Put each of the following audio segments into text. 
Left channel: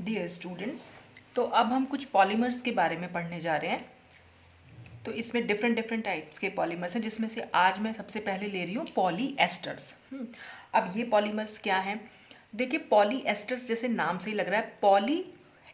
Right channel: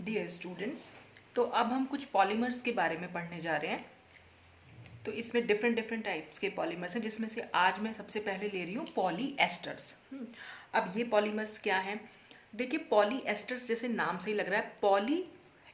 Dear students, तो अब हम कुछ पॉलीमर्स के बारे में पढ़ने जा रहे हैं। तो इसमें डिफरेंट डिफरेंट टाइप्स के पॉलीमर्स हैं, जिसमें से आज मैं सबसे पहले ले रही हूँ पॉलीएस्टर्स। अब ये पॉलीमर्स क्या हैं? देखिए, पॉलीएस्टर्स जैसे नाम से ही लग रहा है, पॉली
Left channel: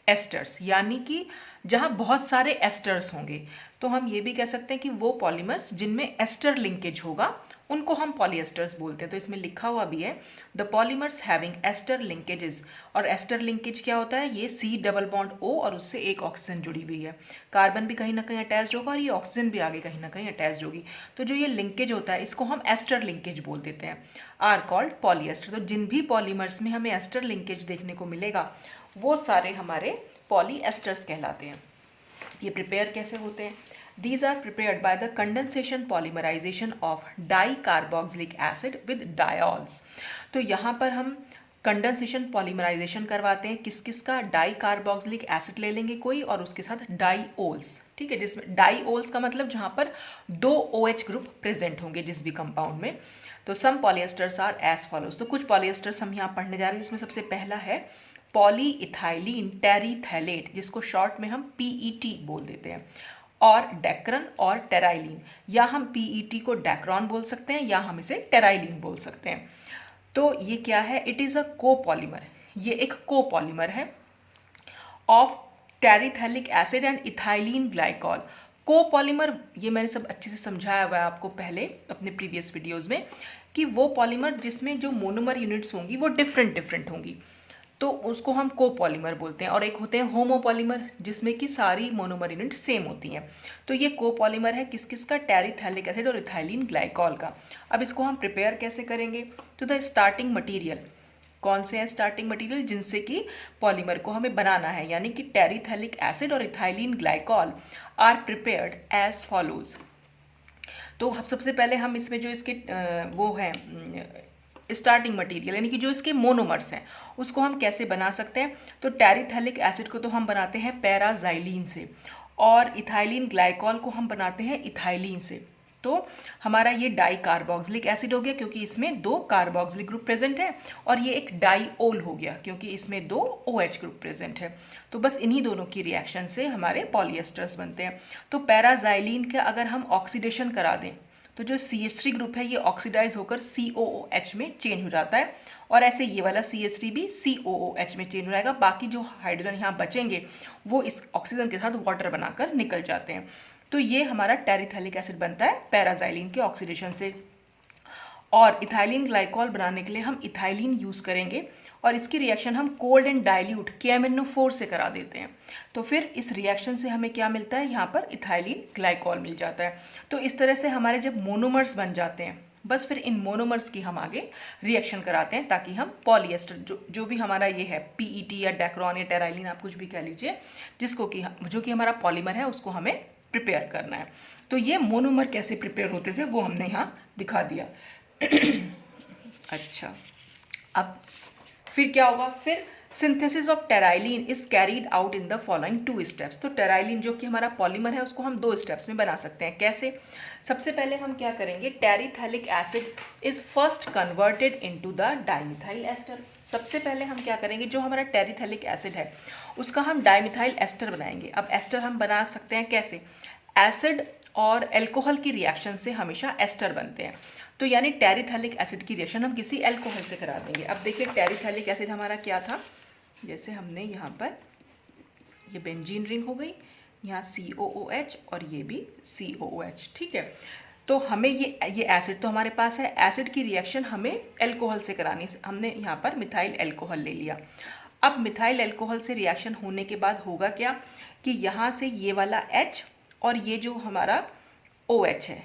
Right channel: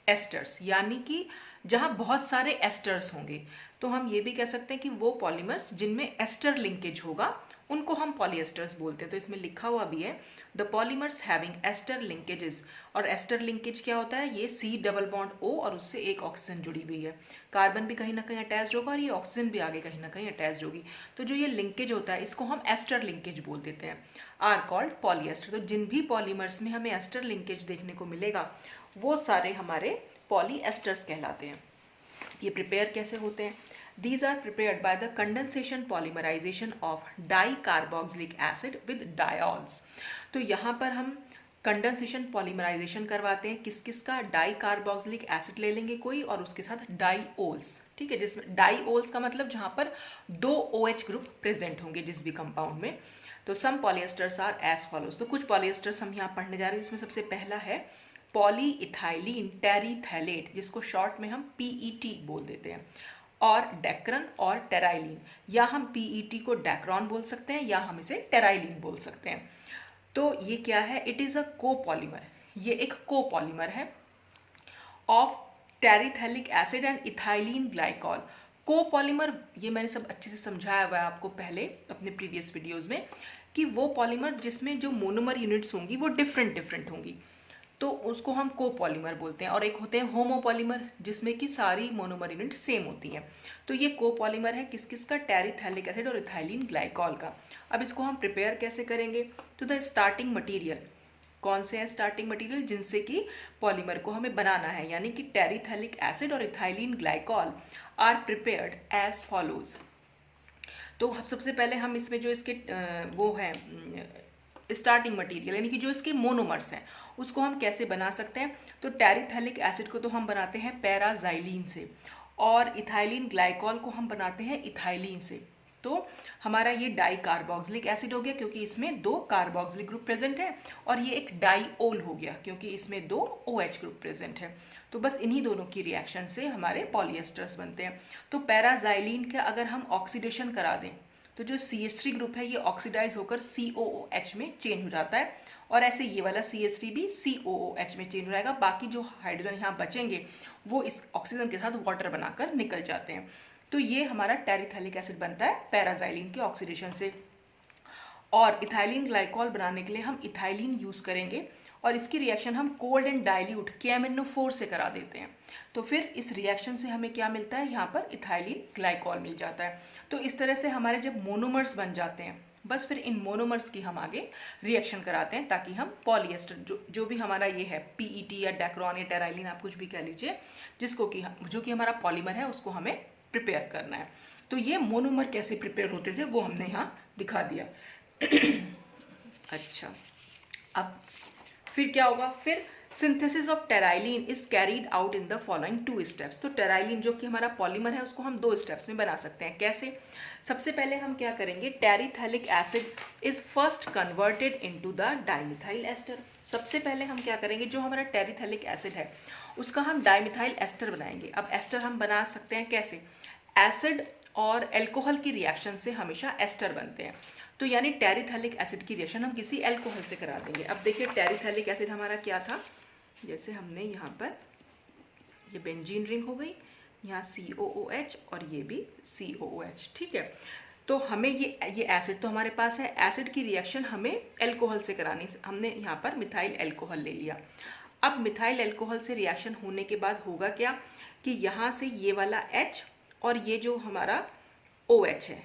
एस्टर्स यानी कि जहाँ बहुत सारे एस्टर्स होंगे। तो हम ये भी कह सकते हैं कि वो पॉलीमर्स जिनमें एस्टर लिंकेज होगा उनको हम पॉलीएस्टर्स बोलते हैं। तो इसमें लिखा हुआ भी है the polymers having ester linkages. और एस्टर लिंकेज क्या होता है? ये C डबल बॉन्ड O और उससे एक ऑक्सीजन जुड़ी हुई है, कार्बन भी कहीं ना कहीं अटैच होगा और ये ऑक्सीजन भी आगे कहीं ना कहीं अटैच होगी। तो जो ये लिंकेज होता है इसको हम एस्टर लिंकेज बोल देते हैं, आर कॉल्ड पॉलीएस्टर। तो जिन भी पॉलीमर्स में हमें एस्टर लिंकेज देखने को मिलेगा वो सारे हमारे पॉलीएस्टर्स कहलाते हैं। ये प्रिपेयर कैसे होते हैं? These are prepared by the condensation polymerization of dicarboxylic acid with diols। तो यहाँ पर हम कंडेंसेशन पॉलीमराइजेशन करवाते हैं। किस किस का? डाइकार्बोक्सिलिक एसिड ले लेंगे कोई और उसके साथ डाईओल्स, ठीक है, जिसमें डाईओल्स का मतलब जहाँ पर दो OH ग्रुप प्रेजेंट होंगे जिस भी कंपाउंड में। तो सम पॉलीएस्टर्स आर एज फॉलोज। तो कुछ पॉलीएस्टर्स हम यहाँ पढ़ने जा रहे हैं, जिसमें सबसे पहला है पॉलीइथाइलिन टेरीथैलेट, जिसको शॉर्ट में हम PET बोल देते हैं, और डेक्रन और टेराइलिन, या हम PET को डेक्रॉन बोल सकते हैं या हम इसे टेराइलिन बोल सकते हैं। तो ये क्या है? It is a copolymer. ये एक कोपॉलीमर है of terephthalic acid and ethylene glycol. Copolymer, ये मैंने सब अच्छे से समझाया हुआ है आपको पहले अपने प्रीवियस वीडियोस में, कि वो पॉलीमर जिसमें जो मोनोमर यूनिट्स होंगी वो डिफरेंट डिफरेंट होंगी, तो उसको हम कोपॉलीमर बोलते हैं। और एक होते हैं होमोपॉलीमर, जिसमें कि सारी मोनोमर यूनिट सेम होती हैं। तो ये कोपॉलीमर है किस किस का? टेरिथैलिक एसिड और इथाइलिन ग्लाइकॉल का। अब इसको हम प्रिपेयर कैसे करेंगे? तो द स्टार्टिंग मटीरियल, कौन से हैं स्टार्टिंग मटीरियल जिनसे कि पॉलीमर को हमें बनाना है, यानी कि टेरिथैलिक एसिड और ethylene glycol are prepared as follows. तो सबसे पहले हम इसमें जो इसके वो हैं स्टार्टिंग मटेरियल, यानी कि जो इसके मोनोमर्स हैं, उसको हम कैसे बना सकते हैं? तो टेरिथैलिक एसिड को तो हम बनाते हैं पैराजाइलिन से, और इथाइलिन ग्लाइकॉल को हम बनाते हैं इथाइलिन से। तो हमारा ये डाइकार्बोक्सिलिक एसिड हो गया क्योंकि इसमें दो कार्बोक्सिलिक ग्रुप प्रेजेंट है, और ये एक डाईओल हो गया क्योंकि इसमें दो OH ग्रुप प्रेजेंट है। तो बस इन्हीं दोनों की रिएक्शन से हमारे पॉलीएस्टर्स बनते हैं। तो पैराजाइलिन का अगर हम ऑक्सीडेशन करा दें तो जो CH3 ग्रुप है ये ऑक्सीडाइज होकर COOH में चेंज हो जाता है, और ऐसे ये वाला CH3 भी COOH में चेंज हो जाएगा। बाकी जो हाइड्रोजन यहाँ बचेंगे वो इस ऑक्सीजन के साथ वाटर बनाकर निकल जाते हैं। तो ये हमारा टेरिथैलिक एसिड बनता है पैराजाइलिन के ऑक्सीडेशन से। और इथाइलिन ग्लाइकॉल बनाने के लिए हम इथाइलिन यूज़ करेंगे, और इसकी रिएक्शन हम कोल्ड एंड डाइल्यूट KMnO4 से करा देते हैं। तो फिर इस रिएक्शन से हमें क्या मिलता है? यहाँ पर इथाइलिन ग्लाइकॉल मिल जाता है। तो इस तरह से हमारे जब मोनोमर्स बन जाते हैं, बस फिर इन मोनोमर्स की हम आगे रिएक्शन कराते हैं ताकि हम पॉलीएस्टर जो भी हमारा ये है PET या डेक्रॉन या टेराइलिन, आप कुछ भी कह लीजिए, जिसको कि जो कि हमारा पॉलीमर है उसको हमें प्रिपेयर करना है। तो ये मोनोमर कैसे प्रिपेयर होते थे वो हमने यहाँ दिखा दिया। अच्छा, अब फिर क्या होगा? फिर synthesis of terylene is carried out in the following 2 steps. तो टेराइलिन जो कि हमारा पॉलीमर है उसको हम 2 स्टेप्स में बना सकते हैं। कैसे? सबसे पहले हम क्या करेंगे? Terephthalic acid is first converted into the dimethyl ester. सबसे पहले हम क्या करेंगे? जो हमारा टेरिथैलिक एसिड है उसका हम डाइमिथाइल एस्टर बनाएंगे। अब एस्टर हम बना सकते हैं कैसे? एसिड और एल्कोहल की रिएक्शन से हमेशा एस्टर बनते हैं। तो यानी टेरिथैलिक एसिड की रिएक्शन हम किसी एल्कोहल से करा देंगे। अब देखिए टेरिथैलिक एसिड हमारा क्या था? जैसे हमने यहाँ पर ये बेंजीन रिंग हो गई, यहाँ COOH और ये भी COOH, ठीक है। तो हमें ये एसिड तो हमारे पास है, एसिड की रिएक्शन हमें एल्कोहल से करानी, हमने यहाँ पर मिथाइल एल्कोहल ले लिया। अब मिथाइल एल्कोहल से रिएक्शन होने के बाद होगा क्या कि यहाँ से ये वाला H और ये जो हमारा OH है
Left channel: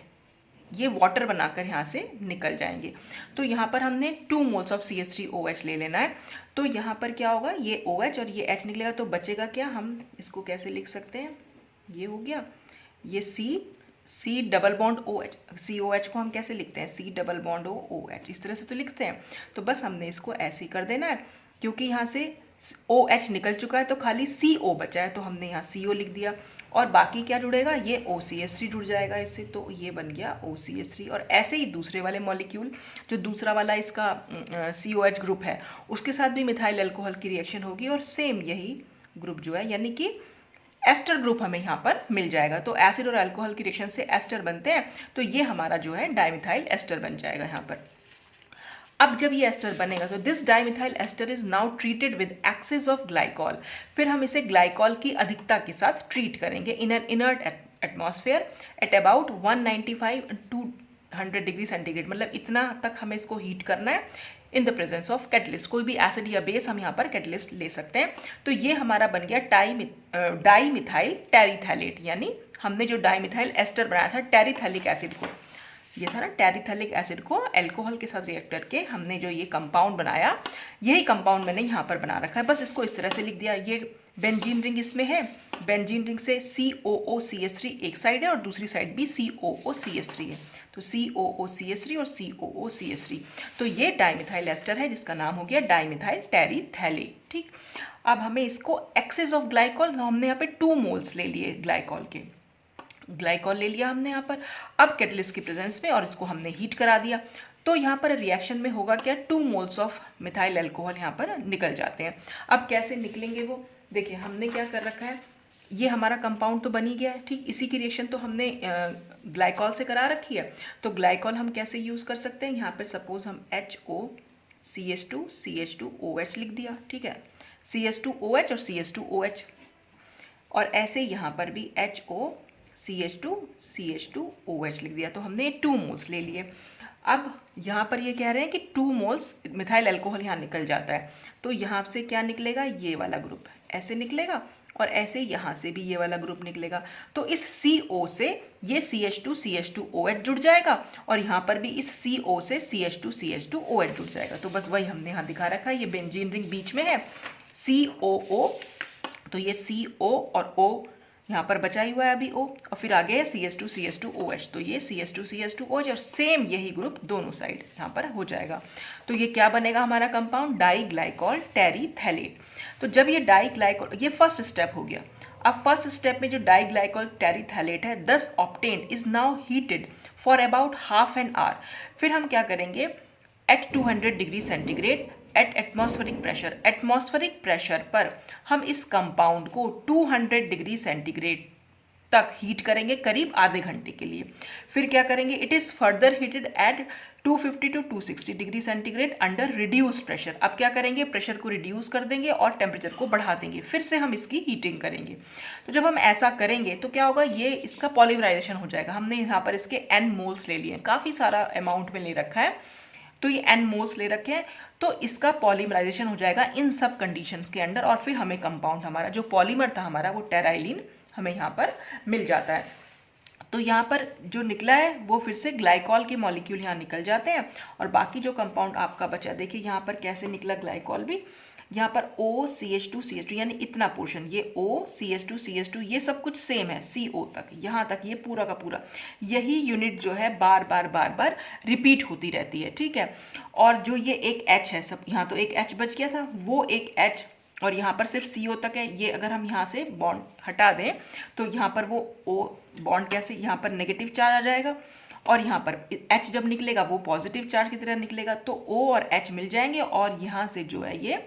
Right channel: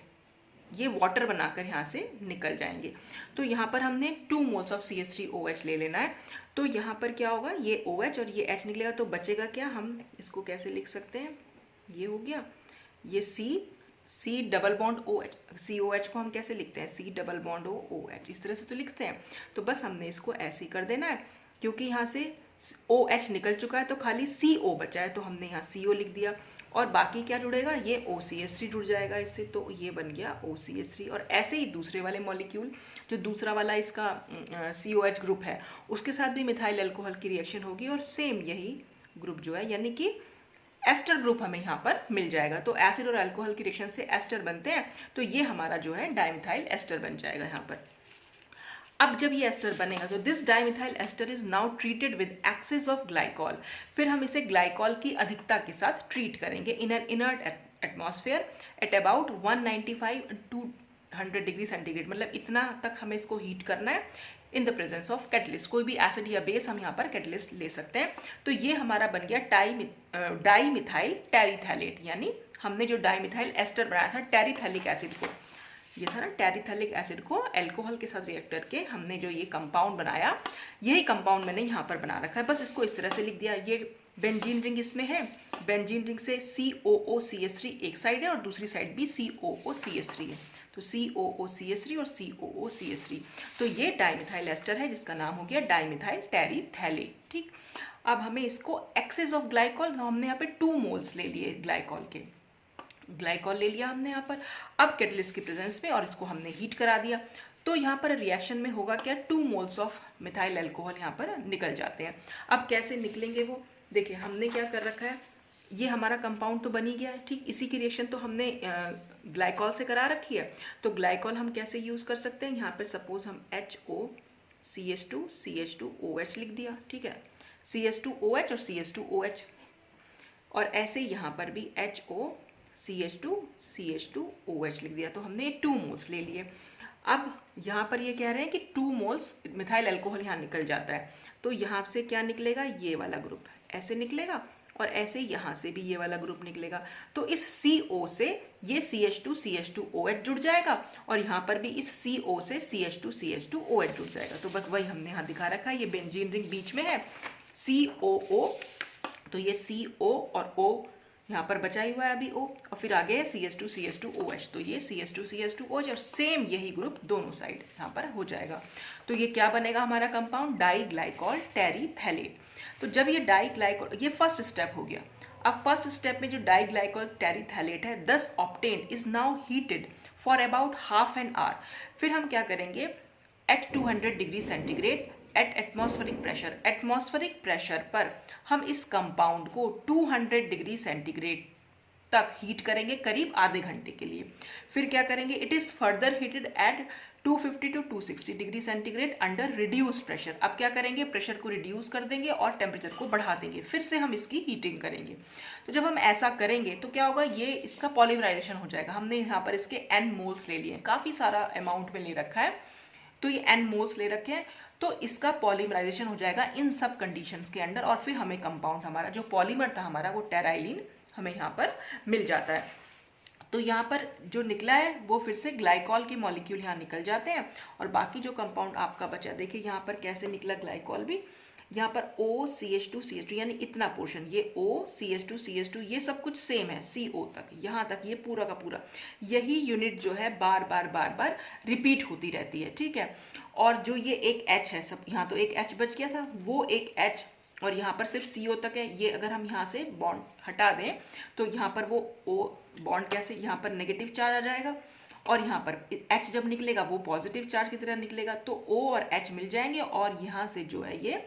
ये वाटर बनाकर यहाँ से निकल जाएंगे। तो यहाँ पर हमने 2 मोल्स ऑफ CH3OH ले लेना है। तो यहाँ पर क्या होगा? ये OH और ये H निकलेगा, तो बचेगा क्या? हम इसको कैसे लिख सकते हैं? ये हो गया, ये C double bond OH, COH को हम कैसे लिखते हैं? C डबल बॉन्ड OH, इस तरह से तो लिखते हैं। तो बस हमने इसको ऐसे ही कर देना है, क्योंकि यहाँ से OH निकल चुका है तो खाली CO बचा है, तो हमने यहाँ CO लिख दिया। और बाकी क्या जुड़ेगा, ये OCH3 जुड़ जाएगा इससे, तो ये बन गया OCH3। और ऐसे ही दूसरे वाले मॉलिक्यूल, जो दूसरा वाला इसका COH ग्रुप है, उसके साथ भी मिथाइल अल्कोहल की रिएक्शन होगी और सेम यही ग्रुप जो है, यानी कि एस्टर ग्रुप हमें यहाँ पर मिल जाएगा। तो एसिड और अल्कोहल की रिएक्शन से एस्टर बनते हैं, तो ये हमारा जो है डाइमिथाइल एस्टर बन जाएगा यहाँ पर। अब जब ये एस्टर बनेगा तो this dimethyl ester is now treated with excess of glycol. फिर हम इसे ग्लाइकॉल की अधिकता के साथ ट्रीट करेंगे in an inert atmosphere at about 195 to 100 degree centigrade, मतलब इतना तक हमें इसको हीट करना है in the presence of catalyst. कोई भी एसिड या बेस हम यहाँ पर कैटलिस्ट ले सकते हैं। तो ये हमारा बन गया डाइमिथाइल टेरिथैलेट, यानी हमने जो डाइमिथाइल एस्टर बनाया था टेरिथैलिक एसिड को, ये था ना टेरिथैलिक एसिड को अल्कोहल के साथ रिएक्ट करके हमने जो ये कंपाउंड बनाया, यही कंपाउंड मैंने यहाँ पर बना रखा है। बस इसको इस तरह से लिख दिया। ये बेंजीन रिंग इसमें है, बेंजीन रिंग से COOCH3 एक साइड है और दूसरी साइड भी COOCH3 है, तो COOCH3 और COOCH3, तो ये डाइमिथाइल एस्टर है जिसका नाम हो गया डाइमिथाइल टेरिथैलेट। ठीक, अब हमें इसको एक्सेस ऑफ ग्लाइकॉल, हमने यहाँ पे 2 मोल्स ले लिए ग्लाइकॉल के, ग्लाइकॉल ले लिया हमने यहाँ पर अब कैटलिस्ट की प्रेजेंस में, और इसको हमने हीट करा दिया। तो यहाँ पर रिएक्शन में होगा क्या, 2 मोल्स ऑफ मिथाइल अल्कोहल यहाँ पर निकल जाते हैं। अब कैसे निकलेंगे वो, देखिए हमने क्या कर रखा है, ये हमारा कंपाउंड तो बन ही गया है। ठीक, इसी की रिएक्शन तो हमने ग्लाइकॉल से करा रखी है। तो ग्लाइकॉल हम कैसे यूज़ कर सकते हैं, यहाँ पर सपोज हम HOCH2 CH2OH लिख दिया। ठीक है, CH2OH और CH2OH, और ऐसे यहाँ पर भी HOCH2 CH2OH लिख दिया। तो हमने 2 मोल्स ले लिए। अब यहाँ पर ये कह रहे हैं कि 2 मोल्स मिथाइल अल्कोहल यहाँ निकल जाता है, तो यहाँ से क्या निकलेगा, ये वाला ग्रुप ऐसे निकलेगा, और ऐसे यहाँ से भी ये वाला ग्रुप निकलेगा। तो इस CO से ये CH2 CH2OH जुड़ जाएगा, और यहाँ पर भी इस CO से CH2 CH2OH जुड़ जाएगा। तो बस वही हमने यहाँ दिखा रखा है, ये बेंजीन रिंग बीच में है, COO, तो ये CO और O यहाँ पर बचा ही हुआ है अभी O, और फिर आगे है CH2 CH2OH, तो ये CH2 CH2OH और सेम यही ग्रुप दोनों साइड यहाँ पर हो जाएगा। तो ये क्या बनेगा हमारा कंपाउंड, डाइग्लाइकॉल टेरिथैलेट। तो जब ये डाइग्लाइकॉल, ये फर्स्ट स्टेप हो गया। अब फर्स्ट स्टेप में जो डाइग्लाइकॉल टेरिथैलेट है, thus obtained is now heated for about half an hour. फिर हम क्या करेंगे, at 200 degree centigrade at atmospheric pressure, atmospheric pressure पर हम इस कंपाउंड को 200 डिग्री सेंटीग्रेड तक हीट करेंगे करीब आधे घंटे के लिए। फिर क्या करेंगे, it is further heated at 250 to 260 degree centigrade under reduce pressure. अब क्या करेंगे, प्रेशर को रिड्यूस कर देंगे और टेम्परेचर को बढ़ा देंगे, फिर से हम इसकी हीटिंग करेंगे। तो जब हम ऐसा करेंगे तो क्या होगा, ये इसका पॉलीमराइजेशन हो जाएगा। हमने यहाँ पर इसके N मोल्स ले लिए, काफ़ी सारा अमाउंट में ले रखा है, तो ये N मोल्स ले रखे हैं, तो इसका पॉलीमराइजेशन हो जाएगा इन सब कंडीशंस के अंडर, और फिर हमें कंपाउंड, हमारा जो पॉलीमर था हमारा, वो टेराइलिन हमें यहाँ पर मिल जाता है। तो यहाँ पर जो निकला है वो फिर से ग्लाइकॉल के मॉलिक्यूल यहाँ निकल जाते हैं, और बाकी जो कंपाउंड आपका बचा, देखिए यहाँ पर कैसे निकला ग्लाइकॉल भी, यहाँ पर OCH2 CH2 यानी इतना पोर्शन, ये OCH2 CH2 ये सब कुछ सेम है, CO तक, यहाँ तक ये पूरा का पूरा, यही यूनिट जो है बार बार रिपीट होती रहती है। ठीक है, और जो ये एक H है, सब यहाँ तो एक H बच गया था, वो एक H, और यहाँ पर सिर्फ CO तक है। ये अगर हम यहाँ से बॉन्ड हटा दें तो यहाँ पर वो O बॉन्ड कैसे, यहाँ पर नेगेटिव चार्ज आ जाएगा, और यहाँ पर H जब निकलेगा वो पॉजिटिव चार्ज की तरह निकलेगा, तो O और H मिल जाएंगे, और यहाँ से जो है ये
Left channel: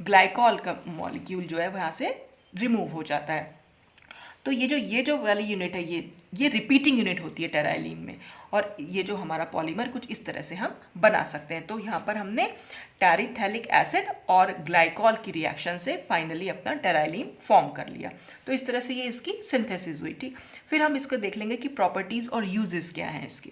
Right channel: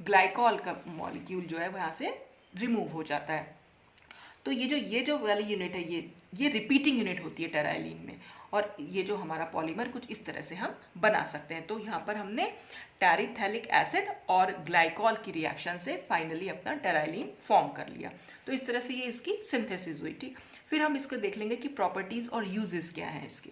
ग्लाइकॉल का मॉलिक्यूल जो है वो यहाँ से रिमूव हो जाता है। तो ये जो वाली यूनिट है, ये रिपीटिंग यूनिट होती है टेराइलिन में, और ये जो हमारा पॉलीमर कुछ इस तरह से हम बना सकते हैं। तो यहाँ पर हमने टेरिथैलिक एसिड और ग्लाइकॉल की रिएक्शन से फाइनली अपना टेराइलिन फॉर्म कर लिया। तो इस तरह से ये इसकी सिंथेसिस हुई। ठीक, फिर हम इसको देख लेंगे कि प्रॉपर्टीज और यूजेस क्या हैं इसके।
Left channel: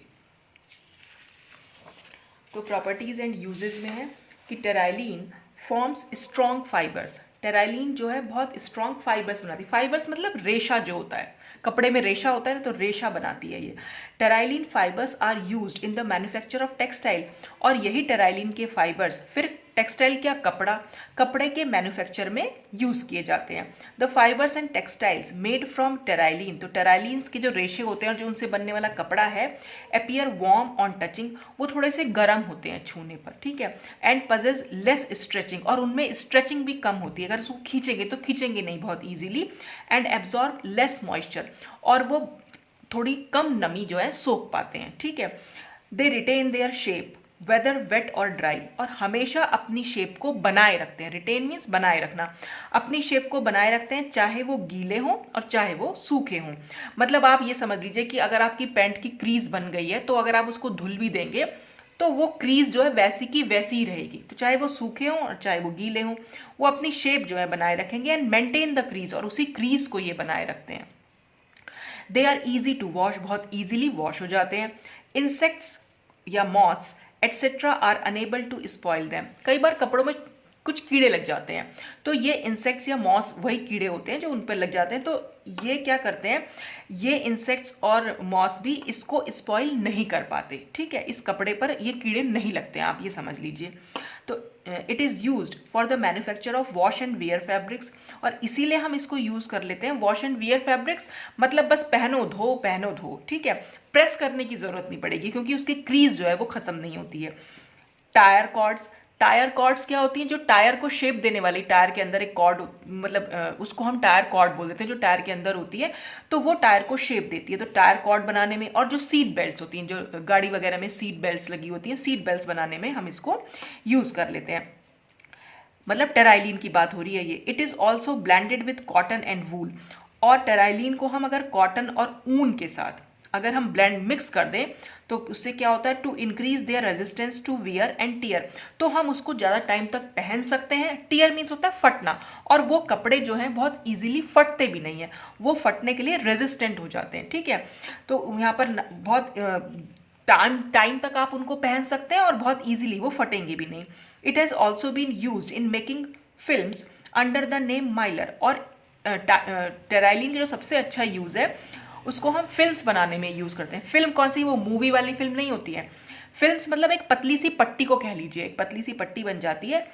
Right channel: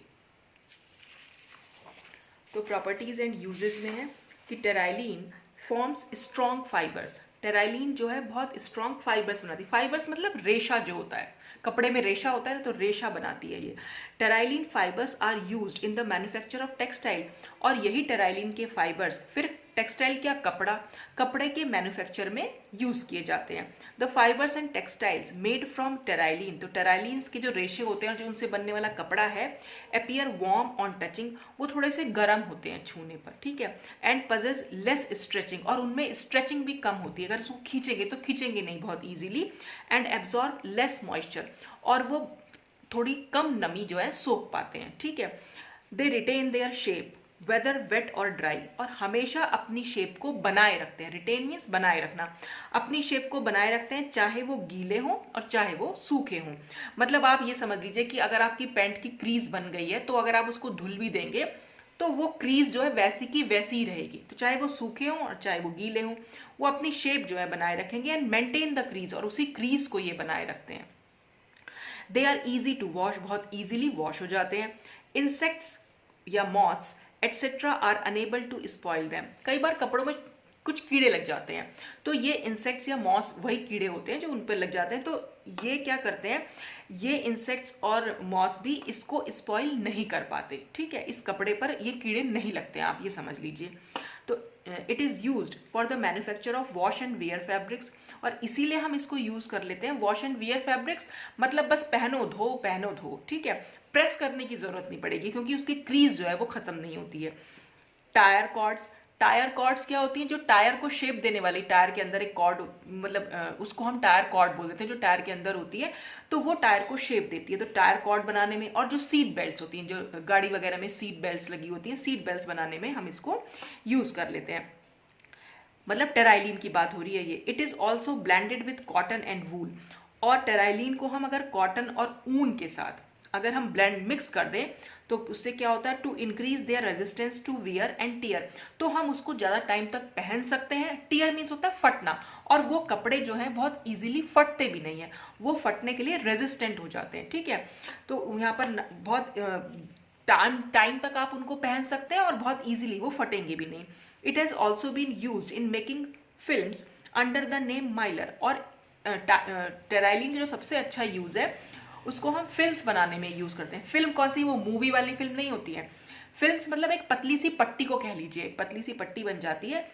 तो प्रॉपर्टीज एंड यूजेस में है कि टेराइलिन फॉर्म्स स्ट्रॉन्ग फाइबर्स। टेराइलिन जो है बहुत स्ट्रॉन्ग फाइबर्स बनाती है। फाइबर्स मतलब रेशा जो होता है, कपड़े में रेशा होता है ना, तो रेशा बनाती है ये। Terylene fibres are used in the manufacture of textile, और यही टेराइलिन के फाइबर्स फिर टेक्सटाइल क्या, कपड़ा, कपड़े के मैन्युफैक्चर में यूज़ किए जाते हैं। The fibres and textiles made from terylene, तो टेराइलिन के जो रेशे होते हैं और जो उनसे बनने वाला कपड़ा है, अपीयर वार्म ऑन टचिंग, वो थोड़े से गर्म होते हैं छूने पर, ठीक है। एंड पजेस लेस स्ट्रेचिंग, और उनमें स्ट्रेचिंग भी कम होती है, अगर उसको खींचेंगे तो खींचेंगे नहीं बहुत easily. And absorb less moisture, और वो थोड़ी कम नमी जो है सोख पाते हैं, ठीक है। They retain their shape whether wet और ड्राई, और हमेशा अपनी शेप को बनाए रखते हैं। रिटेन मीन्स बनाए रखना, अपनी शेप को बनाए रखते हैं चाहे वो गीले हों और चाहे वो सूखे हों। मतलब आप ये समझ लीजिए कि अगर आपकी पैंट की क्रीज बन गई है तो अगर आप उसको धुल भी देंगे तो वो क्रीज जो है वैसी की वैसी ही रहेगी, तो चाहे वो सूखे हों और चाहे वो गीले हों, वो अपनी शेप जो है बनाए रखेंगे। एंड मेंटेन द क्रीज, और उसी क्रीज को ये बनाए रखते हैं। They are easy to wash, बहुत ईजिली वॉश हो जाते हैं। इंसेक्ट्स या moths etcetera are unable to spoil them, कई बार कपड़ों में कुछ कीड़े लग जाते हैं, तो ये इंसेक्ट्स या मॉस वही कीड़े होते हैं जो उन पर लग जाते हैं, तो ये क्या करते हैं, ये इंसेक्ट्स और मॉस भी इसको स्पॉइल नहीं कर पाते, ठीक है। इस कपड़े पर ये कीड़े नहीं लगते हैं, आप ये समझ लीजिए। तो it is used for the manufacture of wash and wear fabrics, और इसीलिए हम इसको यूज़ कर लेते हैं। वॉश एंड वियर फैब्रिक्स मतलब बस पहनो धो, ठीक है, प्रेस करने की ज़रूरत नहीं पड़ेगी क्योंकि उसकी क्रीज जो है वो ख़त्म नहीं होती है। टायर कॉर्ड्स, टायर कॉर्ड्स क्या होती हैं, जो टायर को शेप देने वाली, टायर के अंदर एक कॉर्ड, मतलब उसको हम टायर कॉर्ड बोल देते हैं, जो टायर के अंदर होती है, तो वो टायर को शेप देती है। तो टायर कॉर्ड बनाने में, और जो सीट बेल्ट्स होती हैं, जो गाड़ी वगैरह में सीट बेल्ट्स लगी होती हैं, सीट बेल्ट्स बनाने में हम इसको यूज़ कर लेते हैं। मतलब टेराइलिन की बात हो रही है ये। It is also blended with cotton and wool, और टेराइलिन को हम अगर कॉटन और ऊन के साथ अगर हम ब्लेंड मिक्स कर दें तो उससे क्या होता है, to increase their resistance to wear and tear, तो हम उसको ज़्यादा टाइम तक पहन सकते हैं। टीयर मीन्स होता है फटना, और वो कपड़े जो हैं बहुत इजीली फटते भी नहीं हैं, वो फटने के लिए रेजिस्टेंट हो जाते हैं, ठीक है। तो यहाँ पर बहुत टाइम तक आप उनको पहन सकते हैं और बहुत इजीली वो फटेंगे भी नहीं। It has also been used in making films under the name Mylar, और टेराइलिन का जो सबसे अच्छा यूज़ है उसको हम फिल्म्स बनाने में यूज़ करते हैं। फिल्म कौन सी, वो मूवी वाली फिल्म नहीं होती है। फिल्म्स मतलब एक पतली सी पट्टी को कह लीजिए, एक पतली सी पट्टी बन जाती है,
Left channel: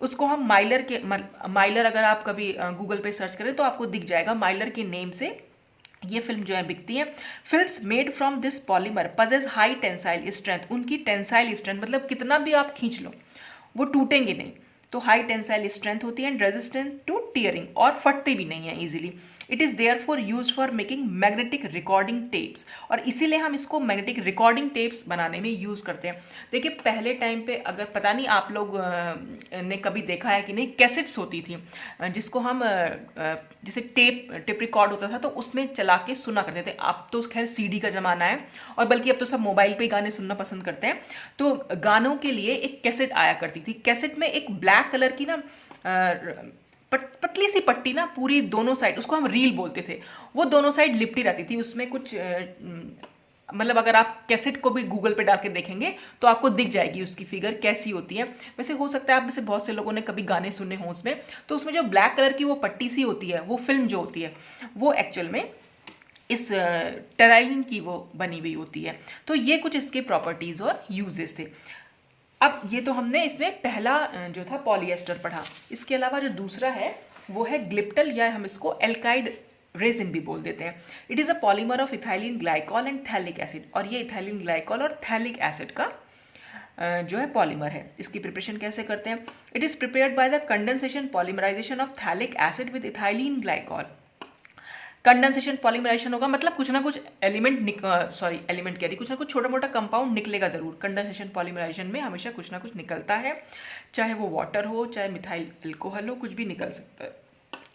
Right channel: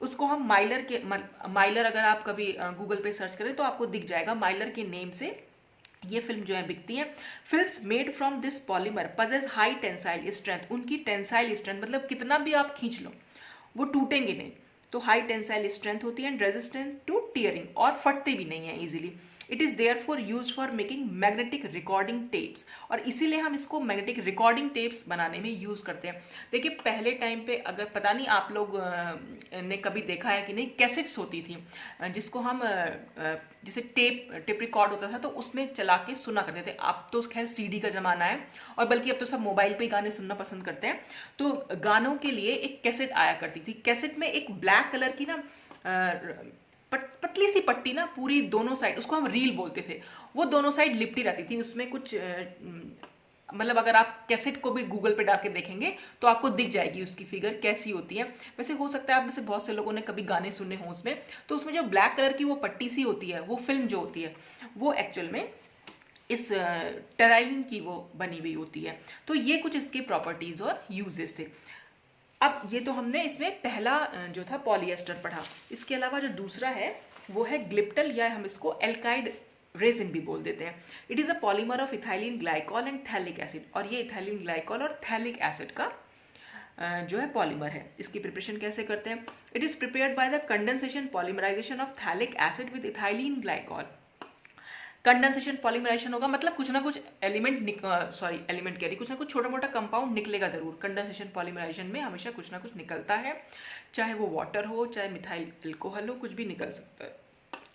उसको हम माइलर अगर आप कभी गूगल पे सर्च करें तो आपको दिख जाएगा, माइलर के नेम से ये फिल्म जो है बिकती है। Films made from this polymer possess high tensile strength, उनकी टेंसाइल स्ट्रेंथ मतलब कितना भी आप खींच लो वो टूटेंगे नहीं, तो हाई टेंसाइल स्ट्रेंथ होती है। एंड रेजिस्टेंट टू टीयरिंग, और फटते भी नहीं है easily. It is therefore use for making magnetic recording tapes, और इसीलिए हम इसको मैग्नेटिक रिकॉर्डिंग टेप्स बनाने में यूज़ करते हैं। देखिए पहले टाइम पे, अगर पता नहीं आप लोग ने कभी देखा है कि नहीं, कैसेट्स होती थी जिसको हम जैसे टेप रिकॉर्ड होता था तो उसमें चला के सुना करते थे। अब तो खैर सीडी का ज़माना है, और बल्कि अब तो सब मोबाइल पे गाने सुनना पसंद करते हैं। तो गानों के लिए एक कैसेट आया करती थी, कैसेट में एक ब्लैक कलर की ना पतली सी पट्टी ना पूरी दोनों साइड, उसको हम रील बोलते थे, वो दोनों साइड लिपटी रहती थी। उसमें कुछ मतलब अगर आप कैसेट को भी गूगल पे डाल के देखेंगे तो आपको दिख जाएगी उसकी फिगर कैसी होती है। वैसे हो सकता है आप में से बहुत से लोगों ने कभी गाने सुने हों उसमें, तो उसमें जो ब्लैक कलर की वो पट्टी सी होती है, वो फिल्म जो होती है वो एक्चुअल में इस टेराइलिन की वो बनी हुई होती है। तो ये कुछ इसके प्रॉपर्टीज़ और यूजेस थे। अब ये तो हमने इसमें पहला जो था पॉलिएस्टर पढ़ा। इसके अलावा जो दूसरा है वो है ग्लिप्टल, या हम इसको एल्काइड रेजिन भी बोल देते हैं। It is a polymer of ethylene glycol and phthalic acid, और ये इथाइलिन ग्लाइकॉल और थैलिक एसिड का जो है पॉलीमर है। इसकी प्रिपरेशन कैसे करते हैं, it is prepared by the condensation polymerisation of phthalic acid with ethylene glycol. Condensation polymerization होगा मतलब कुछ ना कुछ एलिमेंट कह रही, कुछ ना कुछ छोटा मोटा कंपाउंड निकलेगा जरूर। कंडेंसेशन पॉलीमराइजेशन में हमेशा कुछ ना कुछ निकलता है, चाहे वो वाटर हो चाहे मिथाइल अल्कोहल हो, कुछ भी निकल सकता है।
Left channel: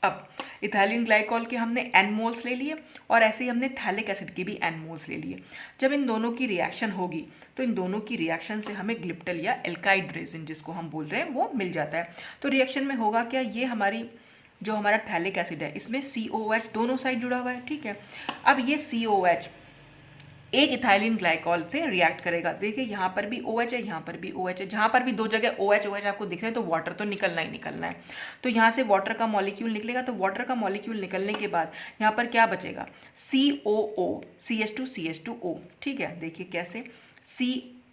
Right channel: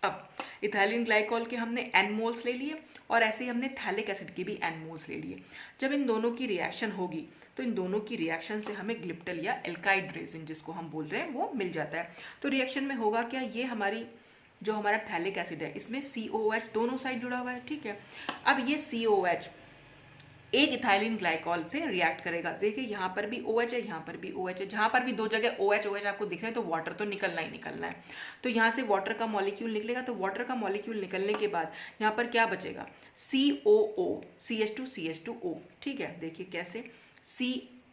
अब इथाइलिन ग्लाइकॉल के हमने एन मोल्स ले लिए, और ऐसे ही हमने थैलिक एसिड के भी एन मोल्स ले लिए। जब इन दोनों की रिएक्शन होगी तो इन दोनों की रिएक्शन से हमें ग्लिप्टल या एल्काइड रेजिन जिसको हम बोल रहे हैं वो मिल जाता है। तो रिएक्शन में होगा क्या, ये हमारा थैलिक एसिड है, इसमें COH दोनों साइड जुड़ा हुआ है, ठीक है। अब ये COH एक इथाइलिन ग्लाइकॉल से रिएक्ट करेगा। देखिए यहाँ पर भी OH है, यहाँ पर भी OH है, जहाँ पर भी दो जगह OH आपको दिख रहे हैं तो वाटर तो निकलना ही निकलना है। तो यहाँ से वाटर का मॉलिक्यूल निकलेगा, तो वाटर का मॉलिक्यूल निकलने के बाद यहाँ पर क्या बचेगा, COO CH2CH2O, ठीक है। देखिए कैसे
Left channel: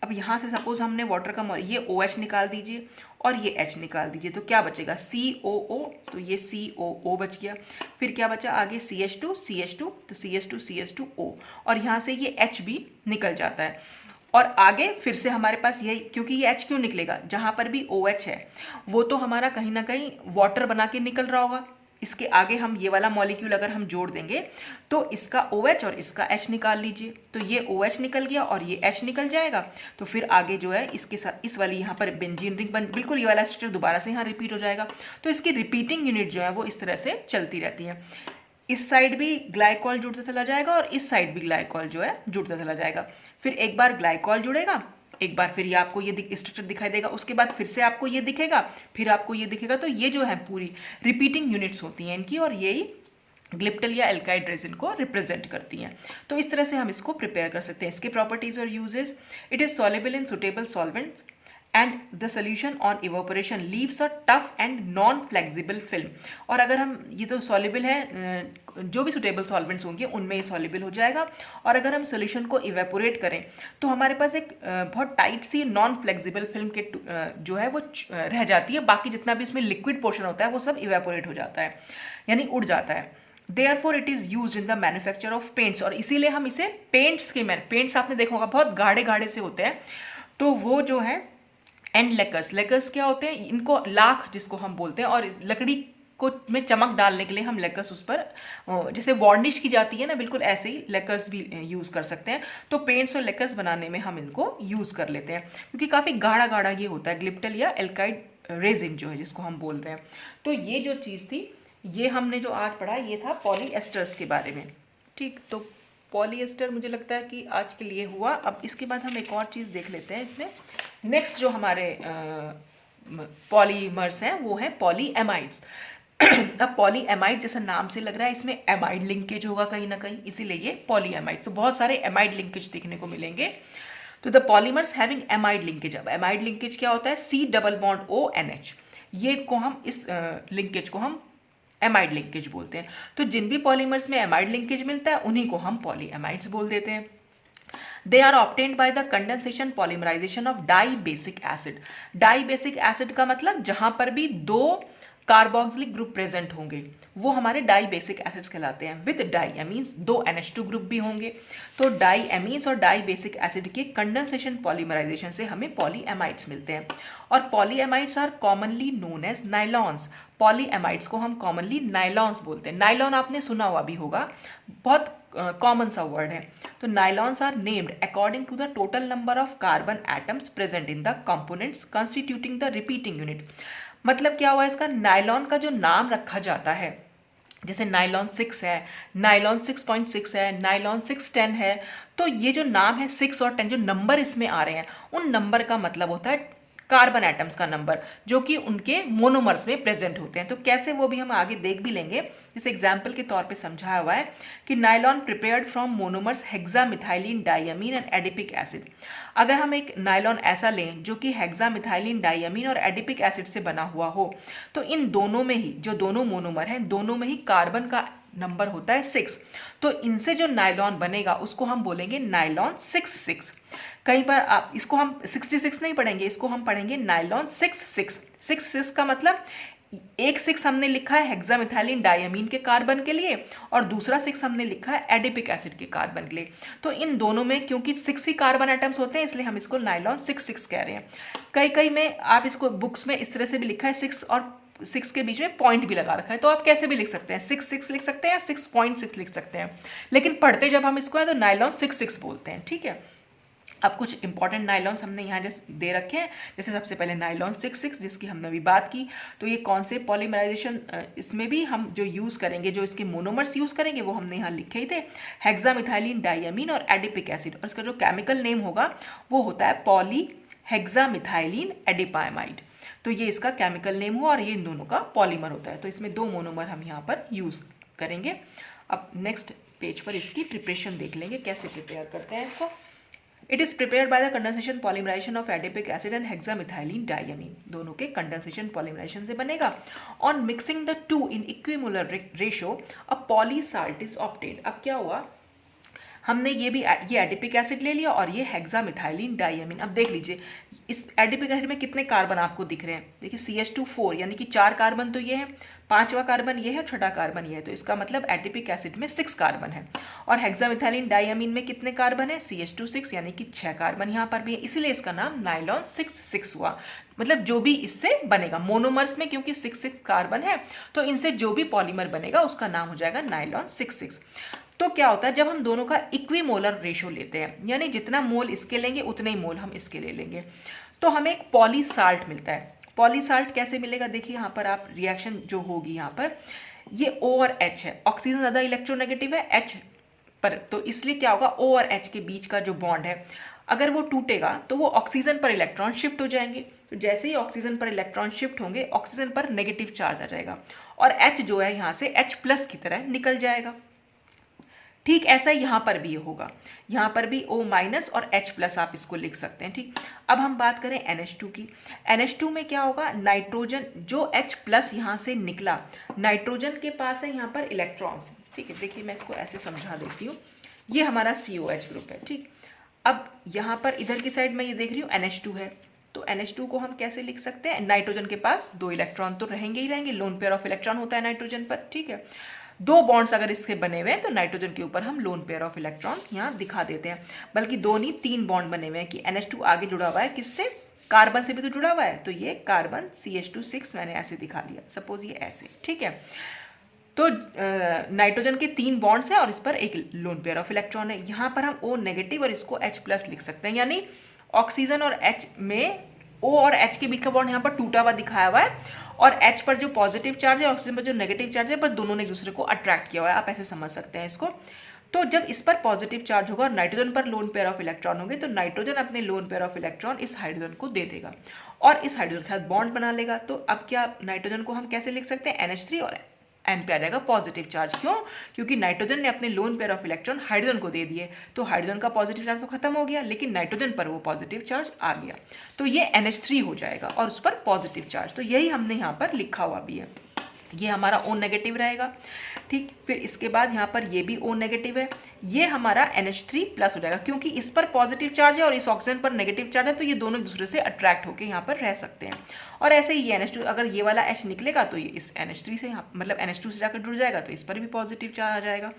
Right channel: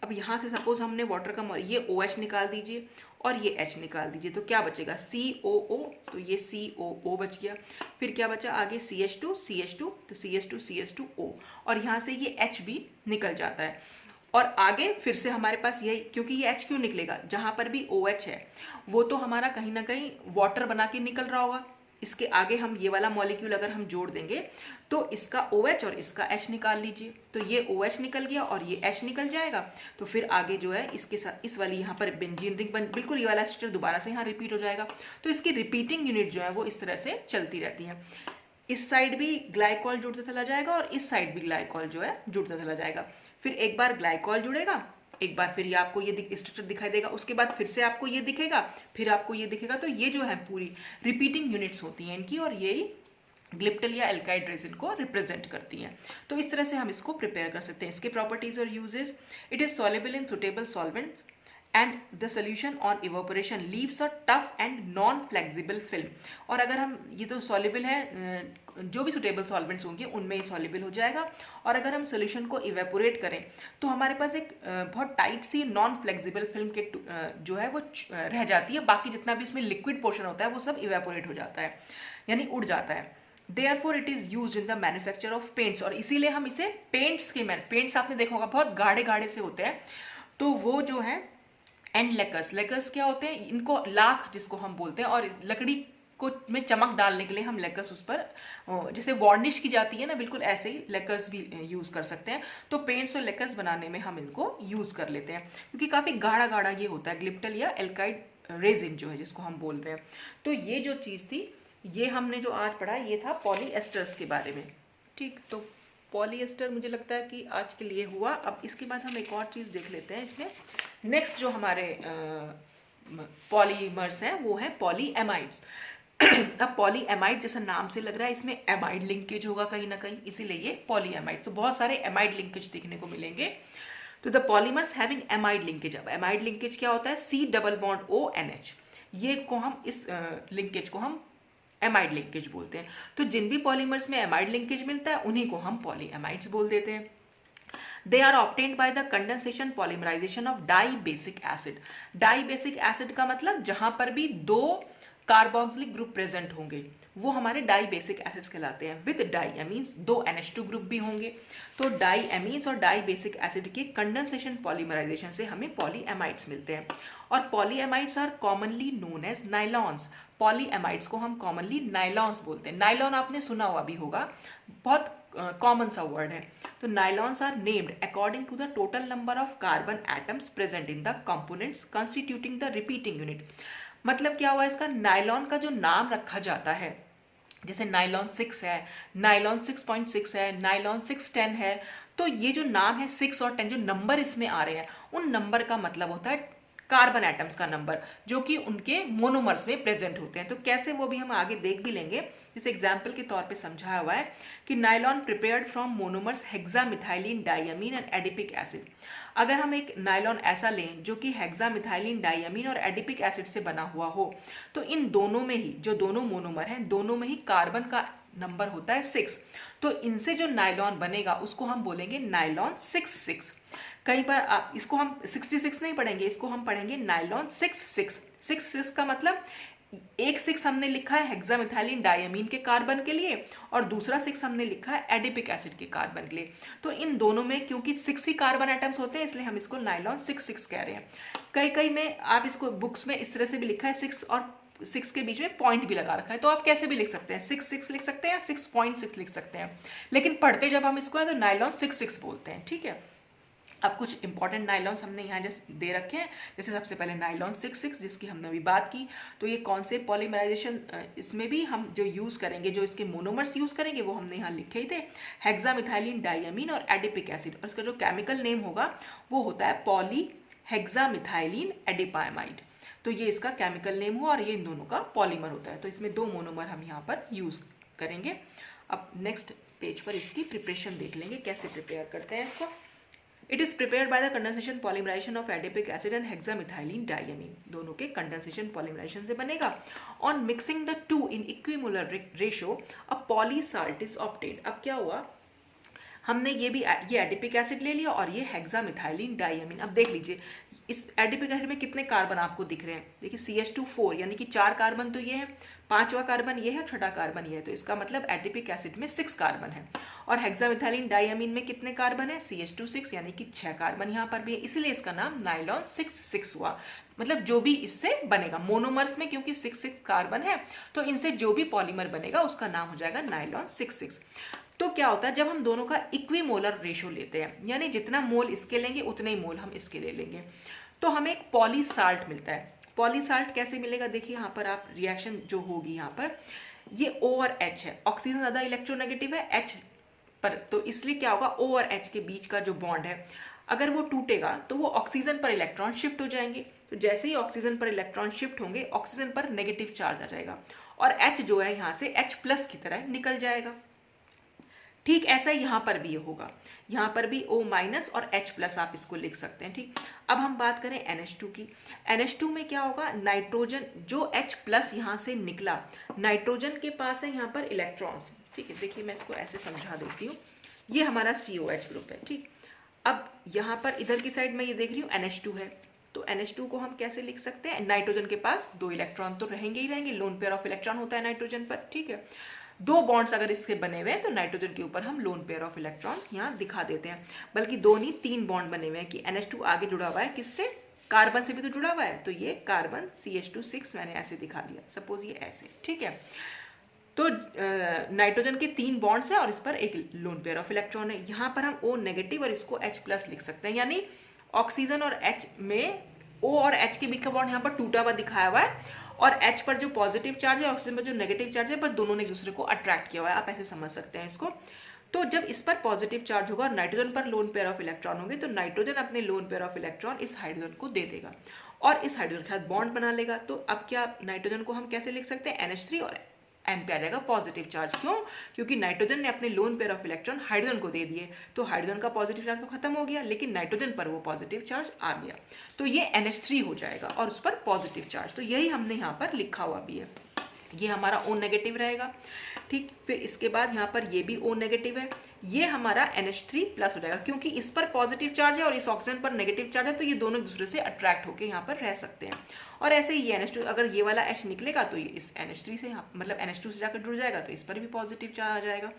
अब यहाँ से सपोज हमने वाटर का ये OH निकाल दीजिए, और ये H निकाल दीजिए, तो क्या बचेगा COO, तो ये COO बच गया। फिर क्या बचा आगे CH2 CH2, तो CH2 CH2O, और यहाँ से ये H भी निकल जाता है। और आगे फिर से हमारे पास यही, क्योंकि ये H क्यों निकलेगा, जहाँ पर भी OH है वो तो हमारा कहीं ना कहीं वाटर बना के निकल रहा होगा। इसके आगे हम ये वाला मॉलिक्यूल अगर हम जोड़ देंगे तो इसका OH और इसका H निकाल लीजिए, तो ये OH निकल गया और ये H निकल जाएगा। तो फिर आगे जो है इसके साथ इस वाली यहाँ पर बेंजीन रिंग बन, बिल्कुल ये वाला स्ट्रक्चर दोबारा से यहाँ रिपीट हो जाएगा। तो इसकी रिपीटिंग यूनिट जो है वो इस तरह से चलती रहती है। इस साइड भी ग्लाइकॉल जुड़ता चला जाएगा और इस साइड भी ग्लाइकॉल जो है जुड़ता चला जाएगा। फिर एक बार ग्लाइकॉल जुड़ेगा, एक बार फिर ये आपको ये स्ट्रक्चर दिखाई देगा, उसके बाद फिर से आपको ये दिखेगा, फिर आपको ये दिखेगा। तो ये जो है पूरी रिपीटिंग यूनिट्स होती हैं इनकी, और यही ग्लिप्टल या एल्काइड रेजिन को रिप्रेजेंट करती हैं। तो इस तरह से हम इसको प्रिपेयर कर सकते हैं। इसके प्रॉपर्टीज और uses, it is soluble in suitable solvent and the solution on evaporation leaves a tough and non flexible film. और अगर हम ये तो सॉल्युबल है, जो भी सुटेबल सॉल्वेंट्स होंगे उनमें ये सॉल्युबल हो जाएगा। और अगर हम सोल्यूशन को इवेपोरेट करें तो हमारे पास एक बहुत टाइट सी नॉन फ्लेक्सिबल फिल्म के जो है वो रह जाती है, बाकी जितना भी इसमें लिक्विड पोर्शन होता है वो सब इवेपोरेट हो जाता है, यानी उड़ जाता है। Therefore it is used in the manufacture of paints, और इसीलिए हम इसे पेंट्स आपने देखा होगा बहुत गाढ़े गाढ़े से होते हैं, तो वो जो है एंड लेकर्स क्या होते हैं, इनको लाख जिसको हम बोलते हैं, और लकड़ी को में चमक डालने के लिए हम लेकर्स उस पर जैसे वार्निश की जाती है ना, बिल्कुल ऐसे ही लेकर्स भी यूज़ कर सकते हैं। तो पेंट्स और लेकर्स बनाने में हम इनको यूज़ कर लेते हैं, क्योंकि काफ़ी गाढ़ा गाढ़ा ये होता है ग्लिप्टल या एल्काइड रेजिन जो है जिसको हम बोल रहे हैं। तो ये जो चीज़ थी, ये हमने जो आज पढ़ा ये था पॉलीएस्टर्स के बारे में। ठीक, तो पॉलीएस्टर मुझे लगता है कि आज के लिए हुआ। अब इसके बाद हम एक और चीज़ देख लेते हैं इसमें। नेक्स्ट जो हमारे पॉलीमर्स हैं वो है पॉलीएमाइड्स। अब पॉलीएमाइड जैसा नाम से लग रहा है इसमें एमाइड लिंकेज होगा कहीं ना कहीं, इसीलिए ये पॉलीएमाइड। तो बहुत सारे एमाइड लिंकेज देखने को मिलेंगे। तो the polymers having amide linkage, अब एमाइड लिंकेज क्या होता है, C+ONH, ये को हम इस लिंकेज को हम एमाइड लिंकेज बोलते हैं। तो जिन भी पॉलीमर्स में एमाइड लिंकेज मिलता है उन्हीं को हम पॉलीएमाइड्स बोल देते हैं। They are obtained by the condensation polymerisation of dibasic acid. Dibasic acid का मतलब जहां पर भी दो कार्बोक्सिलिक ग्रुप प्रेजेंट होंगे वो हमारे डाई बेसिक एसिड्स कहलाते हैं। विद डाई एमीन्स, दो NH2 ग्रुप भी होंगे। तो डाई एमीन्स और डाई बेसिक एसिड के कंडेंसेशन पॉलीमराइजेशन से हमें पॉलीएमाइड्स मिलते हैं। और पॉलीएमाइड्स are commonly known as nylons. पॉलीएमाइड्स को हम कॉमनली नाइलॉन्स बोलते हैं। नाइलॉन आपने सुना हुआ भी होगा, बहुत कॉमन सा वर्ड है। तो nylons are named according to the total number of carbon atoms present in the components constituting the repeating unit. मतलब क्या हुआ इसका, नाइलॉन का जो नाम रखा जाता है, जैसे नाइलॉन 6 है, नाइलॉन 6.6 है, नाइलॉन 610 है, तो ये जो नाम है 6 और 10 जो नंबर इसमें आ रहे हैं उन नंबर का मतलब होता है कार्बन एटम्स का नंबर, जो कि उनके मोनोमर्स में प्रेजेंट होते हैं। तो कैसे वो भी हम आगे देख भी लेंगे। जैसे एग्जाम्पल के तौर पे समझाया हुआ है कि nylon prepared from monomers hexamethylene diamine and adipic acid. अगर हम एक नाइलॉन ऐसा लें जो कि हेक्सामिथाइलिन डाइअमीन और एडिपिक एसिड से बना हुआ हो, तो इन दोनों में ही जो दोनों मोनोमर हैं दोनों में ही कार्बन का नंबर होता है 6। तो इनसे जो नाइलॉन बनेगा उसको हम बोलेंगे नाइलॉन 6,6। कहीं पर आप इसको हम 66 नहीं पढ़ेंगे, इसको हम पढ़ेंगे नाइलॉन 6,6। 6,6 का मतलब एक 6 हमने लिखा है हेक्सामिथाइलिन डाइअमीन के कार्बन के लिए और दूसरा 6 हमने लिखा है एडिपिक एसिड के कार्बन के लिए। तो इन दोनों में क्योंकि 6 ही कार्बन एटम्स होते हैं इसलिए हम इसको नाइलॉन 6,6 कह रहे हैं। कई में आप इसको बुक्स में इस तरह से भी लिखा है 6 और 6 के बीच में पॉइंट भी लगा रखा है, तो आप कैसे भी लिख सकते हैं, 6,6 लिख सकते हैं या 6.6 लिख सकते हैं, लेकिन पढ़ते जब हम इसको है तो नाइलॉन 6,6 बोलते हैं। ठीक है, अब कुछ इंपॉर्टेंट नाइलॉन्स हमने यहाँ दे रखे हैं। जैसे सबसे पहले नाइलॉन 6,6 जिसकी हमने अभी बात की, तो ये कौन से पॉलीमराइजेशन इसमें भी हम जो यूज़ करेंगे, जो इसके मोनोमर्स यूज़ करेंगे वो हमने यहाँ लिखे ही थे, हेक्सामिथाइलिन डाइअमीन और एडिपिक एसिड। और इसका जो केमिकल नेम होगा वो होता है पॉली हेक्सामिथाइलिन एडिपाइमाइड। तो ये इसका केमिकल नेम हुआ और ये इन दोनों का पॉलीमर होता है। तो इसमें दो मोनोमर हम यहाँ पर यूज़ करेंगे। अब नेक्स्ट पेज पर इसकी प्रिपरेशन देख लेंगे, कैसे प्रिपेयर करते हैं इसको। It is prepared by the condensation polymerisation of adipic acid and hexamethylene diamine. दोनों के कंडेंसेशन पॉलीमराइजेशन से बनेगा। On mixing the two in equimolar ratio a polysalt is obtained. अब क्या हुआ, हमने ये एडिपिक एसिड ले लिया और ये हेक्सामिथाइलिन डाइअमीन। अब देख लीजिए इस एडिपिक एसिड में कितने कार्बन आपको दिख रहे हैं, देखिए CH2 4 यानी कि 4 कार्बन तो ये है, 5वां कार्बन ये है, 6ठा कार्बन ये है, तो इसका मतलब एडिपिक एसिड में 6 कार्बन है। और हेक्सामिथाइलिन डाइअमीन में कितने कार्बन है, CH2 6 यानी कि 6 कार्बन यहाँ पर भी है, इसलिए इसका नाम नाइलॉन 6 हुआ। मतलब जो भी इससे बनेगा मोनोमर्स में, क्योंकि 6 कार्बन है तो इनसे जो भी पॉलीमर बनेगा उसका नाम हो जाएगा नाइलॉन 6। तो क्या होता है जब हम दोनों का इक्विमोलर रेशो लेते हैं, यानी जितना मोल इसके लेंगे उतने ही मोल हम इसके ले लेंगे, तो हमें एक पॉलीसाल्ट मिलता है। पॉलीसाल्ट कैसे मिलेगा, देखिए यहाँ पर आप रिएक्शन जो होगी यहाँ पर ये O और H है, ऑक्सीजन ज़्यादा इलेक्ट्रोनेगेटिव है H पर, तो इसलिए क्या होगा O और H के बीच का जो बॉन्ड है अगर वो टूटेगा तो वो ऑक्सीजन पर इलेक्ट्रॉन शिफ्ट हो जाएंगे। तो जैसे ही ऑक्सीजन पर इलेक्ट्रॉन शिफ्ट होंगे ऑक्सीजन पर नेगेटिव चार्ज आ जाएगा और H जो है यहाँ से H+ की तरह निकल जाएगा। ठीक ऐसा ही यहाँ पर भी होगा, यहाँ पर भी O- और H+ आप इसको लिख सकते हैं। ठीक, अब हम बात करें NH2 की। NH2 में क्या होगा, नाइट्रोजन जो H+ यहाँ से निकला, नाइट्रोजन के पास है यहाँ पर इलेक्ट्रॉन्स। ठीक है, देखिए मैं इसको ऐसे समझा देती हूँ, ये हमारा COH ग्रुप है। ठीक, अब यहाँ पर इधर की साइड में ये देख रही हूँ NH2 है, तो NH2 को हम कैसे लिख सकते हैं, नाइट्रोजन के पास 2 इलेक्ट्रॉन तो रहेंगे ही रहेंगे, लोन पेयर ऑफ इलेक्ट्रॉन होता है नाइट्रोजन पर। ठीक है, 2 बॉन्ड्स अगर इसके बने हुए हैं तो नाइट्रोजन के ऊपर हम लोन पेयर ऑफ इलेक्ट्रॉन यहाँ दिखा देते हैं, बल्कि 2 नहीं 3 बॉन्ड बने हुए हैं कि NH2 आगे जुड़ा हुआ है किससे, कार्बन से भी तो जुड़ा हुआ है, तो ये कार्बन CH2 6 मैंने ऐसे दिखा दिया, सपोज ये ऐसे। ठीक है, तो नाइट्रोजन के 3 बॉन्ड्स हैं और इस पर एक लोन पेयर ऑफ इलेक्ट्रॉन है। यहाँ पर हम O- और इसको H+ लिख सकते हैं, यानी ऑक्सीजन और H में O और H के बीच का बॉन्ड यहाँ पर टूटा हुआ दिखाया हुआ है और H पर जो पॉजिटिव चार्ज है ऑक्सीजन पर जो नेगेटिव चार्ज है, पर दोनों ने एक दूसरे को अट्रैक्ट किया हुआ है, आप ऐसे समझ सकते हैं इसको। तो जब इस पर पॉजिटिव चार्ज होगा और नाइट्रोजन पर लोन पेयर ऑफ इलेक्ट्रॉन होंगे तो नाइट्रोजन अपने लोन पेयर ऑफ इलेक्ट्रॉन इस हाइड्रोजन को दे देगा और इस हाइड्रोजन के साथ बॉन्ड बना लेगा। तो अब क्या नाइट्रोजन को हम कैसे लिख सकते हैं, NH3 और N पे आ जाएगा पॉजिटिव चार्ज। क्यों, क्योंकि नाइट्रोजन ने अपने lone pair of electron hydrogen को दे दिए, तो हाइड्रोजन का पॉजिटिव चार्ज तो खत्म हो गया, लेकिन नाइट्रोजन पर वो पॉजिटिव चार्ज आ गया, तो ये NH3 हो जाएगा और उस पर पॉजिटिव चार्ज। तो यही हमने यहाँ पर लिखा हुआ भी है, ये हमारा O- रहेगा। ठीक, फिर इसके बाद यहाँ पर ये भी O- है, ये हमारा NH3+ हो जाएगा, क्योंकि इस पर पॉजिटिव चार्ज है और इस ऑक्सीजन पर नेगेटिव चार्ज है, तो ये दोनों एक दूसरे से अट्रैक्ट होकर यहाँ पर रह सकते हैं। और ऐसे ही ये NH2, अगर ये वाला H निकलेगा तो ये इस NH3 से यहाँ मतलब NH2 से जाकर जुड़ जाएगा, तो इस पर भी पॉजिटिव चार्ज आ जाएगा।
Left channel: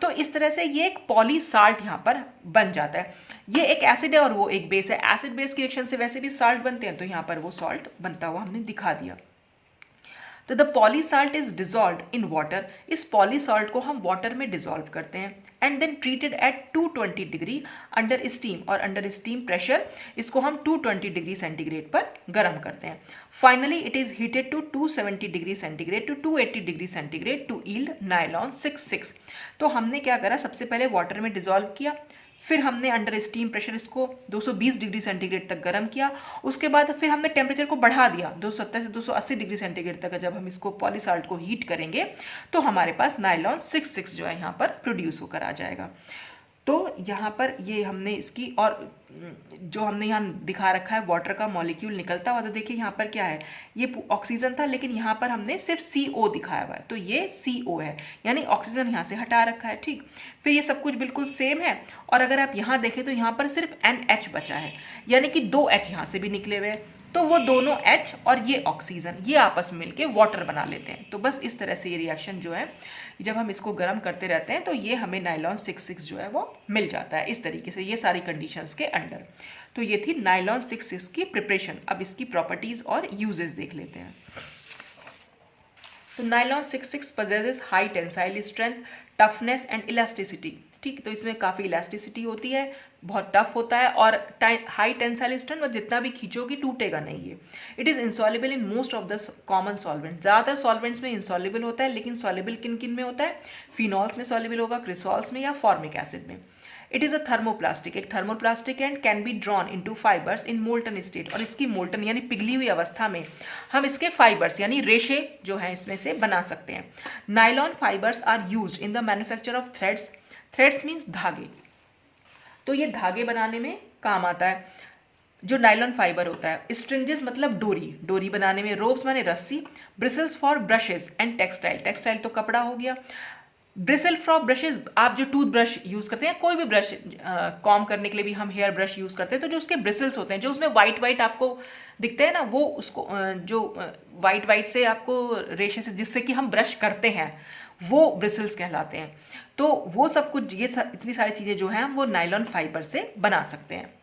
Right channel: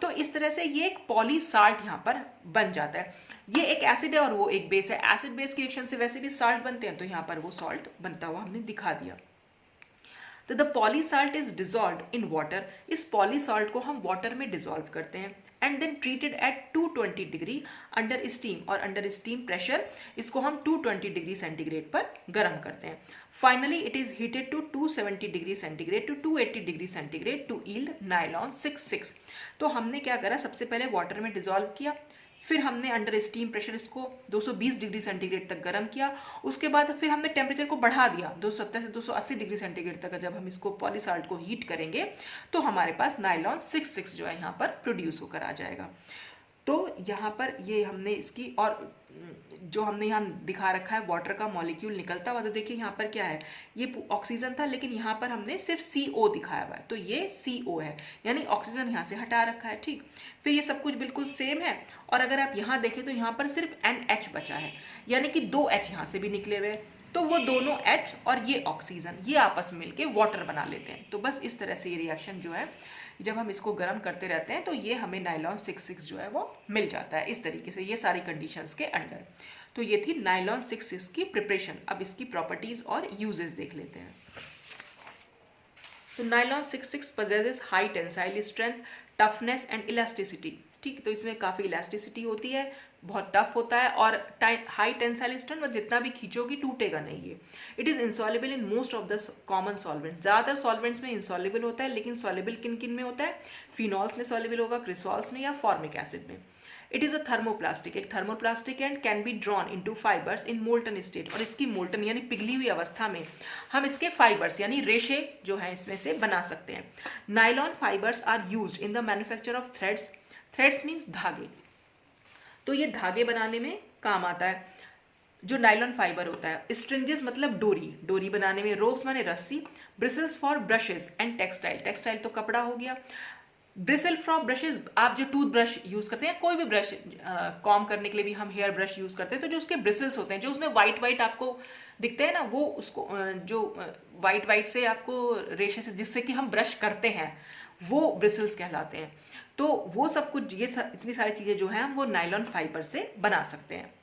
तो इस तरह से ये एक पॉलीसाल्ट यहाँ पर बन जाता है। ये एक एसिड है और वो एक बेस है, एसिड बेस की रिएक्शन से वैसे भी साल्ट बनते हैं, तो यहाँ पर वो सॉल्ट बनता हुआ हमने दिखा दिया। तो the polysalt is dissolve in water, इस पॉलीसाल्ट को हम वाटर में डिजॉल्व करते हैं and then treated at 220 degree under steam, और अंडर स्टीम प्रेशर इसको हम 220 डिग्री सेंटीग्रेड पर गर्म करते हैं। Finally it is heated to 270 degree centigrade to 280 degree centigrade to yield nylon 6। तो हमने क्या करा, सबसे पहले वाटर में डिजॉल्व किया, फिर हमने अंडर स्टीम प्रेशर इसको 220 डिग्री सेंटीग्रेड तक गर्म किया, उसके बाद फिर हमने टेम्परेचर को बढ़ा दिया 270 से 280 डिग्री सेंटीग्रेड तक। जब हम इसको पॉलीसाल्ट को हीट करेंगे तो हमारे पास नाइलॉन 6 जो है यहाँ पर प्रोड्यूस होकर आ जाएगा। तो यहाँ पर ये हमने इसकी, और जो हमने यहाँ दिखा रखा है वाटर का मॉलिक्यूल निकलता हुआ, तो देखिए यहाँ पर क्या है, ये ऑक्सीजन था लेकिन यहाँ पर हमने सिर्फ CO दिखाया हुआ है, तो ये CO है, यानी ऑक्सीजन यहाँ से हटा रखा है। ठीक, फिर ये सब कुछ बिल्कुल सेम है, और अगर आप यहाँ देखें तो यहाँ पर सिर्फ NH बचा है, यानी कि 2 H यहाँ से भी निकले हुए हैं, तो वो दोनों H और ये ऑक्सीजन ये आपस में मिलके वाटर बना लेते हैं। तो बस इस तरह से ये रिएक्शन जो है, जब हम इसको गर्म करते रहते हैं तो ये हमें नाइलॉन 6 जो है वो मिल जाता है इस तरीके से, ये सारी कंडीशंस के अंडर। तो ये थी नाइलॉन 6 की प्रिपरेशन। अब इसकी प्रॉपर्टीज और यूजेस देख लेते हैं। तो nylon 6 possesses high tensile strength, toughness and elasticity. ठीक, तो इसमें काफ़ी इलास्टिसिटी होती है, बहुत टफ होता है, और हाई टेंसाइल स्ट्रेंथ, और जितना भी खींचोगी टूटेगा नहीं ये। It is insoluble in most of the common solvent, ज़्यादातर सॉल्वेंट्स में इंसॉल्युबल होता है, लेकिन सॉल्युबल किन किन में होता है, फिनॉल्स में सॉल्युबल होगा, क्रिसॉल्स में या फॉर्मिक एसिड में। इट इज़ अ थर्मोप्लास्टिक, एक thermoplastic and can be drawn into fibres in molten state, और इसकी मोल्टन यानी पिघली हुई अवस्था में हम इसके फाइबर्स यानी रेशे जो हैं इसमें से बना सकते हैं। Nylon fibres are used in the manufacture of threads, threads means धागे, तो ये धागे बनाने में काम आता है जो नाइलॉन फाइबर होता है। स्ट्रिंजेस मतलब डोरी, डोरी बनाने में, रोप्स माने रस्सी, bristles for brushes and textile, textile तो कपड़ा हो गया, ब्रिसल फ्रॉक ब्रशेज, आप जो टूथ ब्रश यूज़ करते हैं, कोई भी ब्रश कॉम करने के लिए भी हम हेयर ब्रश यूज़ करते हैं, तो जो उसके ब्रिसल्स होते हैं, जो उसमें वाइट वाइट आपको दिखते हैं ना, वो उसको जो वाइट वाइट से आपको रेशे से जिससे कि हम ब्रश करते हैं, वो ब्रिसल्स कहलाते हैं। तो वो सब कुछ इतनी सारी चीज़ें जो हैं हम वो नायलॉन फाइबर से बना सकते हैं।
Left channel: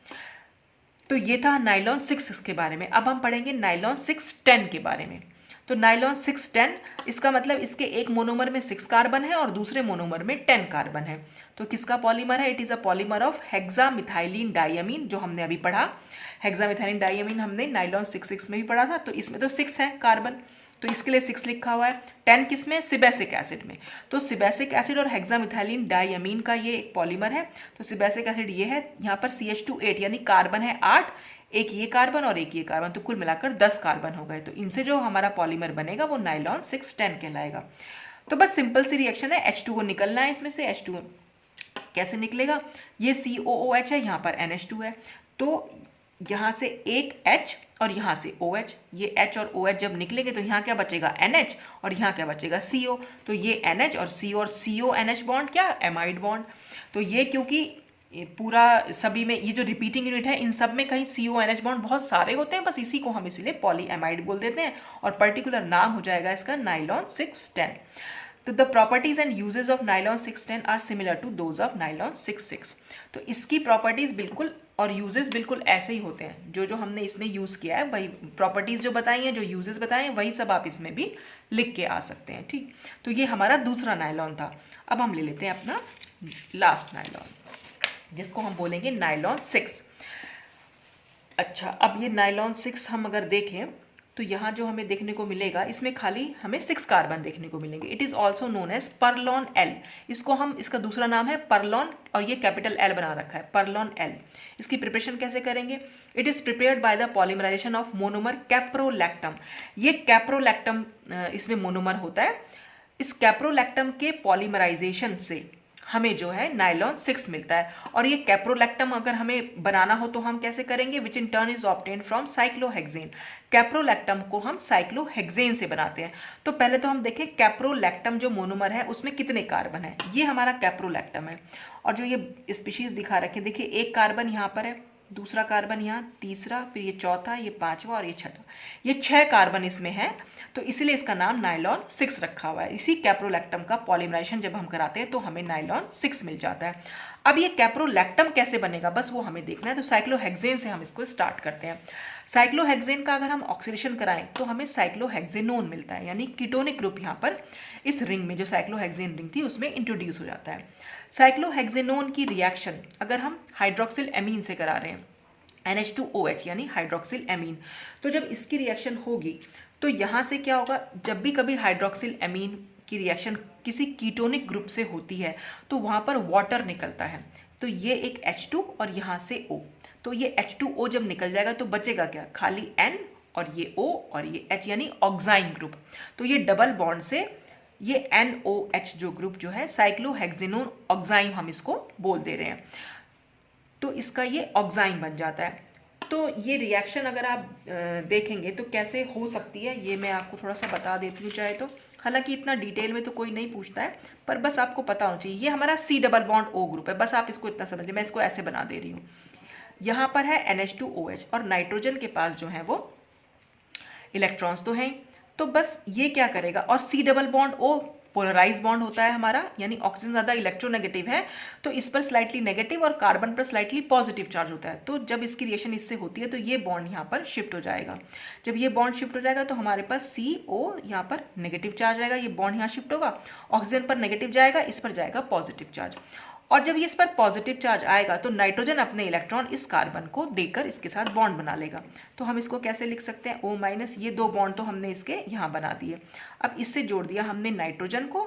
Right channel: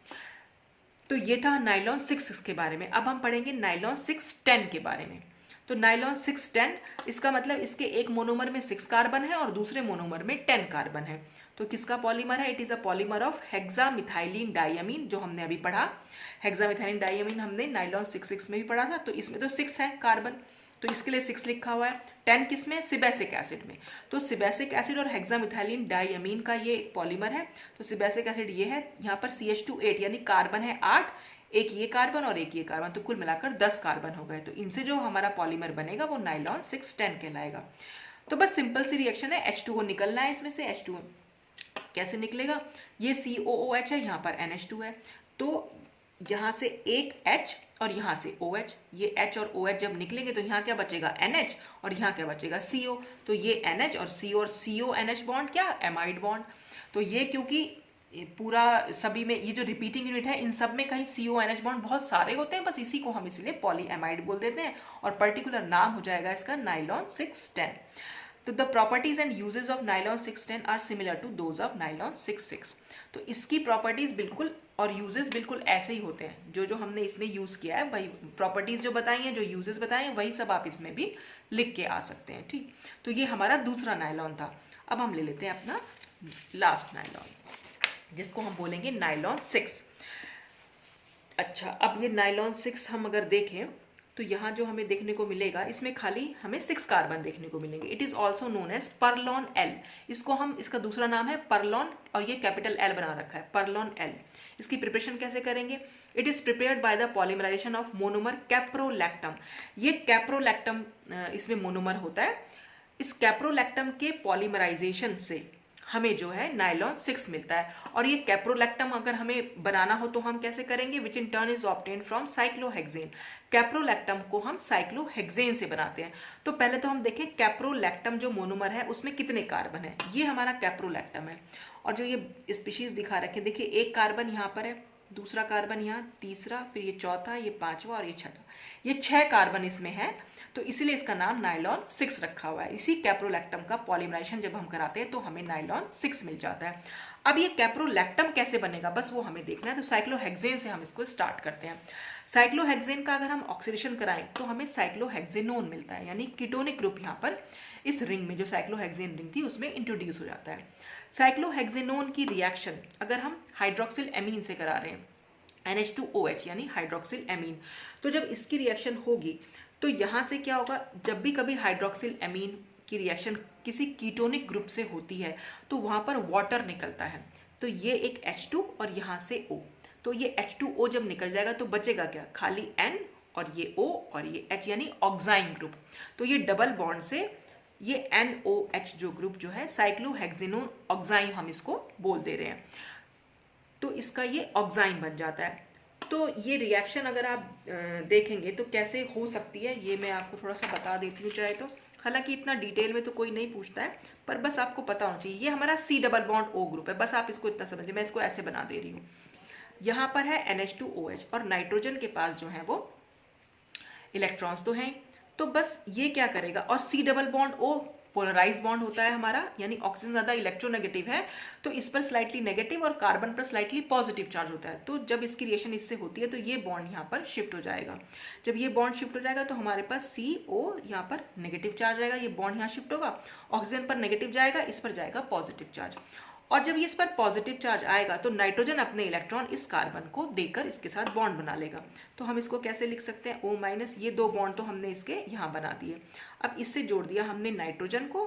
तो ये था नायलॉन 6 के बारे में। अब हम पढ़ेंगे नायलॉन 610 के बारे में। तो नायलॉन 610, इसका मतलब इसके एक मोनोमर में 6 कार्बन है और दूसरे मोनोमर में 10 कार्बन है। तो किसका पॉलीमर है? It is a polymer of hexamethylene diamine, जो हमने अभी पढ़ा। हेक्सामिथाइलिन डाइअमीन हमने नायलॉन 6 में भी पढ़ा था। तो इसमें तो 6 है कार्बन, तो इसके लिए 6 लिखा हुआ है। 10 किस में? सिबैसिक एसिड में। तो सिबैसिक एसिड और हेक्सामिथाइलिन डाइअमीन का ये एक पॉलीमर है। तो सिबैसिक एसिड ये है, यहाँ पर CH2 8 यानी कार्बन है 8, एक ये कार्बन और एक ये कार्बन, तो कुल मिलाकर 10 कार्बन हो गए। तो इनसे जो हमारा पॉलीमर बनेगा वो नायलॉन 610 कहलाएगा। तो बस सिंपल सी रिएक्शन है, H2O निकलना है इसमें से। H2O कैसे निकलेगा? ये COOH है, यहाँ पर NH2 है, तो यहाँ से एक H और यहाँ से OH, ये H और OH जब निकलेंगे तो यहाँ क्या बचेगा? NH, और यहाँ क्या बचेगा? CO। तो ये NH और CO और CO NH बॉन्ड क्या? Amide bond. तो ये क्योंकि ये पूरा सभी में ये जो रिपीटिंग यूनिट है, इन सब में कहीं CO NH बॉन्ड बहुत सारे होते हैं, बस इसी को हम इसीलिए पॉली एमाइड बोल देते हैं, और पर्टिकुलर नाम हो जाएगा इसका नायलॉन 610। तो the properties and uses of nylon 610 are similar to those of nylon 6 तो इसकी प्रॉपर्टीज बिल्कुल और यूजेस बिल्कुल ऐसे ही होते हैं, जो जो हमने इसमें यूज किया है वही प्रॉपर्टीज जो बताई हैं, जो यूजेस बताए हैं, वही सब आप इसमें भी लिख के आ सकते हैं। ठीक, तो ये हमारा दूसरा नायलॉन था। अब हम ले लेते हैं अपना लास्ट नायलॉन, जिसको हम बोलेंगे नायलॉन 6। अच्छा, अब ये नायलॉन 6 हम अगर देखें तो यहाँ जो हमें देखने को मिलेगा, इसमें खाली हमें 6 कार्बन देखने को मिलेंगे। It is also known as perlon L. इसको हम, इसका दूसरा नाम है परलॉन, और ये कैपिटल एल बना रखा है, परलॉन एल। इसकी प्रिपरेशन कैसे करेंगे? It is prepared by the polymerization of monomer caprolactam. ये कैप्रोलैक्टम इसमें मोनोमर होता है। इस कैप्रोलैक्टम के पॉलीमराइजेशन से हमें जो है नायलॉन 6 मिलता है। और ये कैप्रोलैक्टम अगर हमें बनाना हो तो हम कैसे करेंगे? Which in turn is obtained from cyclohexane. Caprolactam को हम साइक्लोहेक्सेन से बनाते हैं। तो पहले तो हम देखें कैप्रोलैक्टम जो मोनोमर है उसमें कितने कार्बन है। ये हमारा कैप्रोलैक्टम है, और जो ये स्पीशीज दिखा रखे, देखिए एक कार्बन यहाँ पर है, दूसरा कार्बन यहाँ, तीसरा, फिर ये चौथा, ये पांचवा और ये छठा, ये 6 कार्बन इसमें है। तो इसीलिए इसका नाम नायलॉन 6 रखा हुआ है। इसी कैप्रोलैक्टम का पॉलीमराइजेशन जब हम कराते हैं तो हमें नायलॉन 6 मिल जाता है। अब ये कैप्रोलैक्टम कैसे बनेगा, बस वो हमें देखना है। तो साइक्लोहेक्सेन से हम इसको स्टार्ट करते हैं। साइक्लोहेक्सेन का अगर हम ऑक्सीडेशन कराएं तो हमें साइक्लोहेक्सेनोन मिलता है, यानी कीटोनिक ग्रुप यहाँ पर इस रिंग में, जो साइक्लोहेक्सेन रिंग थी उसमें इंट्रोड्यूस हो जाता है। साइक्लोहेक्सेनोन की रिएक्शन अगर हम हाइड्रोक्सिल एमीन से करा रहे हैं, NH2OH यानी हाइड्रोक्सिल एमीन, तो जब इसकी रिएक्शन होगी तो यहाँ से क्या होगा? जब भी कभी हाइड्रोक्सिल एमीन की रिएक्शन किसी कीटोनिक ग्रुप से होती है तो वहाँ पर वाटर निकलता है। तो ये एक H2 और यहाँ से O, तो ये H2O जब निकल जाएगा तो बचेगा क्या? खाली N और ये O और ये H, यानी ऑक्साइन ग्रुप। तो ये डबल बॉन्ड से ये NOH जो ग्रुप जो है, साइक्लोहेक्सेनोन ऑक्साइन हम इसको बोल दे रहे हैं, तो इसका ये ऑक्साइन बन जाता है। तो ये रिएक्शन अगर आप देखेंगे तो कैसे हो सकती है, ये मैं आपको थोड़ा सा बता देती हूँ चाहे तो। हालांकि इतना डिटेल में तो कोई नहीं पूछता है, पर बस आपको पता होना चाहिए। ये हमारा C double bond O group है, बस आप इसको इतना समझिए। मैं इसको ऐसे बना दे रही हूँ। यहाँ पर है NH2OH, और नाइट्रोजन के पास जो है वो इलेक्ट्रॉन्स तो हैं, तो बस ये क्या करेगा, और C double bond O polarize bond होता है हमारा, यानी ऑक्सीजन ज़्यादा इलेक्ट्रोनेगेटिव है, तो इस पर स्लाइटली नेगेटिव और कार्बन पर स्लाइटली पॉजिटिव चार्ज होता है। तो जब इसकी रिएक्शन इससे होती है तो ये बॉन्ड यहाँ पर शिफ्ट हो जाएगा। जब ये बॉन्ड शिफ्ट हो जाएगा तो हमारे पास CO यहाँ पर नेगेटिव चार्ज आएगा, ये बॉन्ड यहाँ शिफ्ट होगा, ऑक्सीजन पर नेगेटिव जाएगा, इस पर जाएगा पॉजिटिव चार्ज। और जब ये इस पर पॉजिटिव चार्ज आएगा तो नाइट्रोजन अपने इलेक्ट्रॉन इस कार्बन को देकर इसके साथ बॉन्ड बना लेगा। तो हम इसको कैसे लिख सकते हैं? O-, ये 2 बॉन्ड तो हमने इसके यहाँ बना दिए। अब इससे जोड़ दिया हमने नाइट्रोजन को,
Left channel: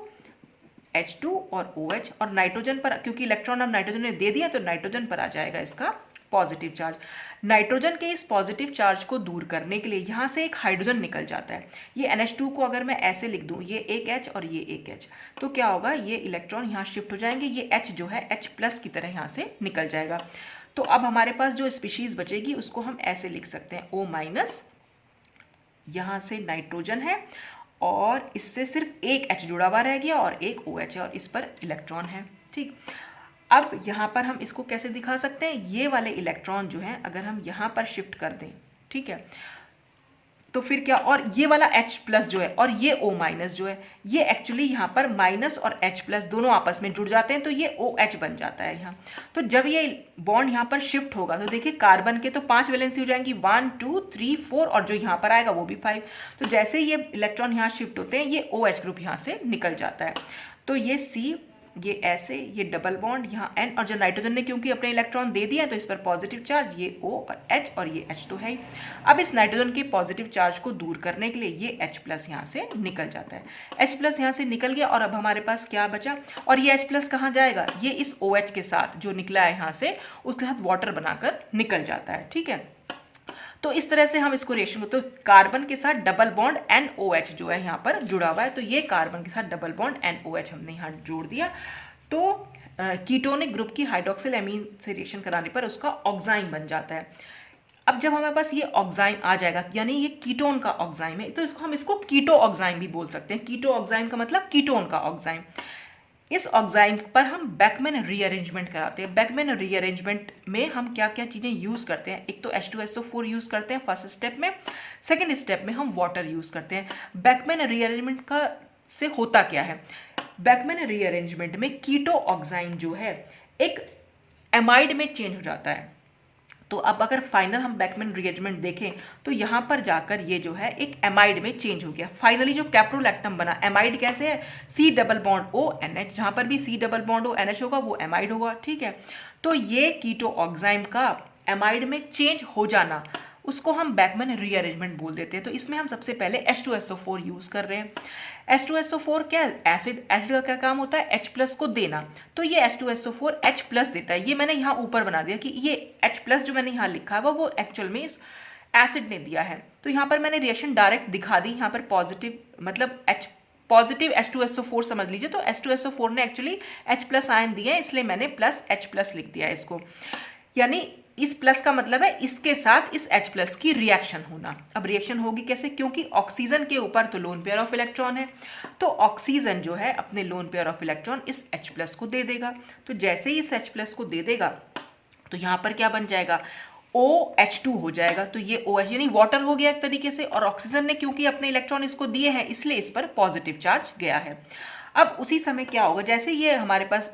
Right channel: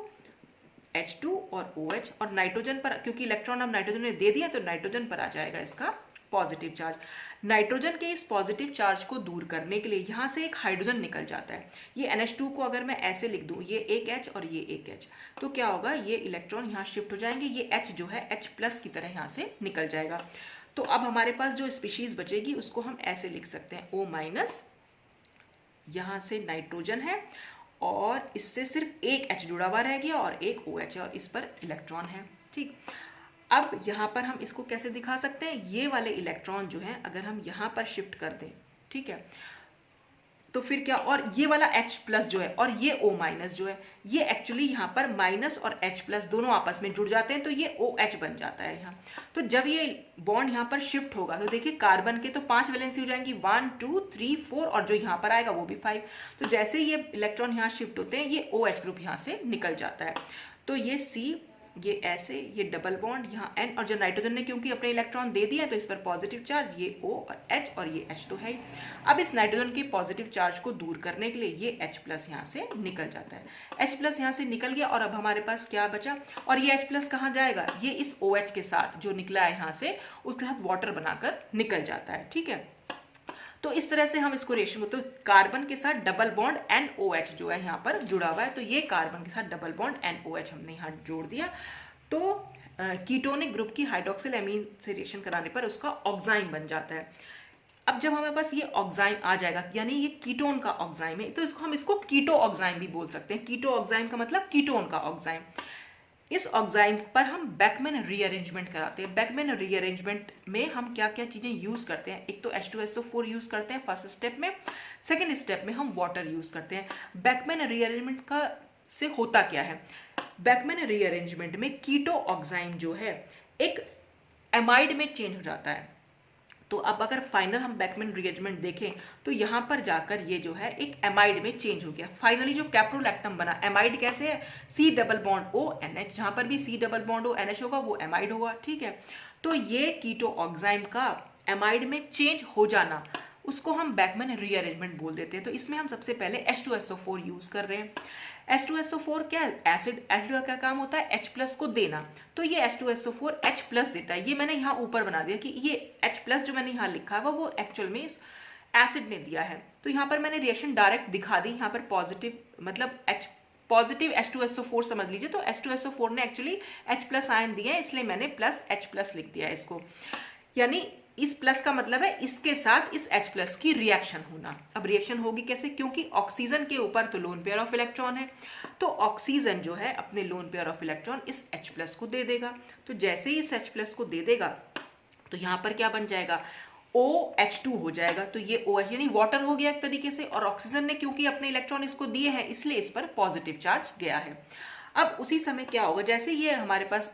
H2 और OH, और नाइट्रोजन पर क्योंकि इलेक्ट्रॉन अब नाइट्रोजन ने दे दिया तो नाइट्रोजन पर आ जाएगा इसका पॉजिटिव चार्ज। नाइट्रोजन के इस पॉजिटिव चार्ज को दूर करने के लिए यहाँ से एक हाइड्रोजन निकल जाता है। ये NH2 को अगर मैं ऐसे लिख दूँ, ये एक H और ये एक H, तो क्या होगा? ये इलेक्ट्रॉन यहाँ शिफ्ट हो जाएंगे, ये H जो है H+ की तरह यहाँ से निकल जाएगा। तो अब हमारे पास जो स्पीशीज बचेगी उसको हम ऐसे लिख सकते हैं O-, यहाँ से नाइट्रोजन है और इससे सिर्फ एक H जुड़ा हुआ रह गया और एक OH है और इस पर इलेक्ट्रॉन है। ठीक, अब यहाँ पर हम इसको कैसे दिखा सकते हैं, ये वाले इलेक्ट्रॉन जो हैं अगर हम यहाँ पर शिफ्ट कर दें, ठीक है, तो फिर क्या, और ये वाला H प्लस जो है और ये O माइनस जो है, ये एक्चुअली यहाँ पर माइनस और H प्लस दोनों आपस में जुड़ जाते हैं तो ये OH बन जाता है यहाँ। तो जब ये बॉन्ड यहाँ पर शिफ्ट होगा तो देखिए कार्बन के तो 5 वैलेंसी हो जाएंगी, 1 2 3 4, और जो यहाँ पर आएगा वो भी 5। तो जैसे ही ये इलेक्ट्रॉन यहाँ शिफ्ट होते हैं ये OH ग्रुप यहाँ से निकल जाता है। तो ये C, ये ऐसे, ये डबल बॉन्ड यहाँ N, और जो नाइट्रोजन ने क्योंकि अपने इलेक्ट्रॉन दे दिया तो इस पर पॉजिटिव चार्ज, ये O और H और ये H तो है ही। अब इस नाइट्रोजन के पॉजिटिव चार्ज को दूर करने के लिए ये H प्लस यहाँ से निकल जाता है। H प्लस यहाँ से निकल गया और अब हमारे पास क्या बचा, और ये H प्लस कहाँ जाएगा, ये इस OH के साथ जो निकला है यहाँ से उसके साथ वाटर बनाकर निकल जाता है। ठीक है, तो इस तरह से हम इसको रिएक्शन तो कार्बन के साथ डबल बॉन्ड NOH जो है यहाँ पर जुड़ा हुआ है, तो ये कार्बन के साथ डबल बॉन्ड NOH हमने यहाँ जोड़ दिया। तो कीटोनिक ग्रुप की हाइड्रोक्सिल एमीन से रिएक्शन कराने पर उसका ऑक्साइन बन जाता है। अब जब हमारे पास ये ऑक्साइन आ जाएगा, यानी ये कीटोन का ऑक्साइन है, तो हम इसको कीटो ऑक्साइन भी बोल सकते हैं। कीटो ऑक्साइन का मतलब कीटोन का ऑक्साइन। इस ऑक्साइन पर हम बैकमैन रीअरेंजमेंट कराते हैं। बैकमैन रीअरेंजमेंट में हम क्या क्या चीज़ें यूज़ करते हैं, एक तो H2SO4 यूज़ करते हैं फर्स्ट स्टेप में, सेकेंड स्टेप में हम वाटर यूज़ करते हैं। बैकमैन रीअरेंजमेंट का से होता क्या है, बैकमैन रीअरेंजमेंट में कीटो ऑक्साइन जो है एक एमाइड में चेंज हो जाता है। तो अब अगर फाइनल हम बैकमैन रीअरेंजमेंट देखें तो यहाँ पर जाकर ये जो है एक एमाइड में चेंज हो गया। फाइनली जो कैप्रोलैक्टम बना, एमाइड कैसे है, C double bond O NH, जहाँ पर भी C double bond O NH होगा वो एमाइड होगा। ठीक है, तो ये कीटो ऑक्साइन का एमाइड में चेंज हो जाना उसको हम बैकमैन रीअरेंजमेंट बोल देते हैं। तो इसमें हम सबसे पहले H2SO4 यूज़ कर रहे हैं। H2SO4 क्या, एसिड का क्या काम होता है, H प्लस को देना, तो ये H2SO4 H प्लस देता है। ये मैंने यहाँ ऊपर बना दिया कि ये H प्लस जो मैंने यहाँ लिखा है वो एक्चुअल में इस एसिड ने दिया है। तो यहाँ पर मैंने रिएक्शन डायरेक्ट दिखा दी, यहाँ पर पॉजिटिव मतलब पॉजिटिव H2SO4 समझ लीजिए। तो H2SO4 ने एक्चुअली H प्लस आयन दिया है, इसलिए मैंने प्लस H प्लस लिख दिया है इसको, यानी इस प्लस का मतलब है इसके साथ इस H प्लस की रिएक्शन होना। अब रिएक्शन होगी कैसे, क्योंकि ऑक्सीजन के ऊपर तो लोन पेयर ऑफ इलेक्ट्रॉन है, तो ऑक्सीजन जो है अपने लोन पेयर ऑफ इलेक्ट्रॉन इस H प्लस को दे देगा। तो जैसे ही इस H प्लस को दे देगा तो यहाँ पर क्या बन जाएगा, OH2 हो जाएगा। तो ये OH यानी वाटर हो गया एक तरीके से, और ऑक्सीजन ने क्योंकि अपने इलेक्ट्रॉन इसको दिए हैं इसलिए इस पर पॉजिटिव चार्ज गया है। अब उसी समय क्या होगा, जैसे ये हमारे पास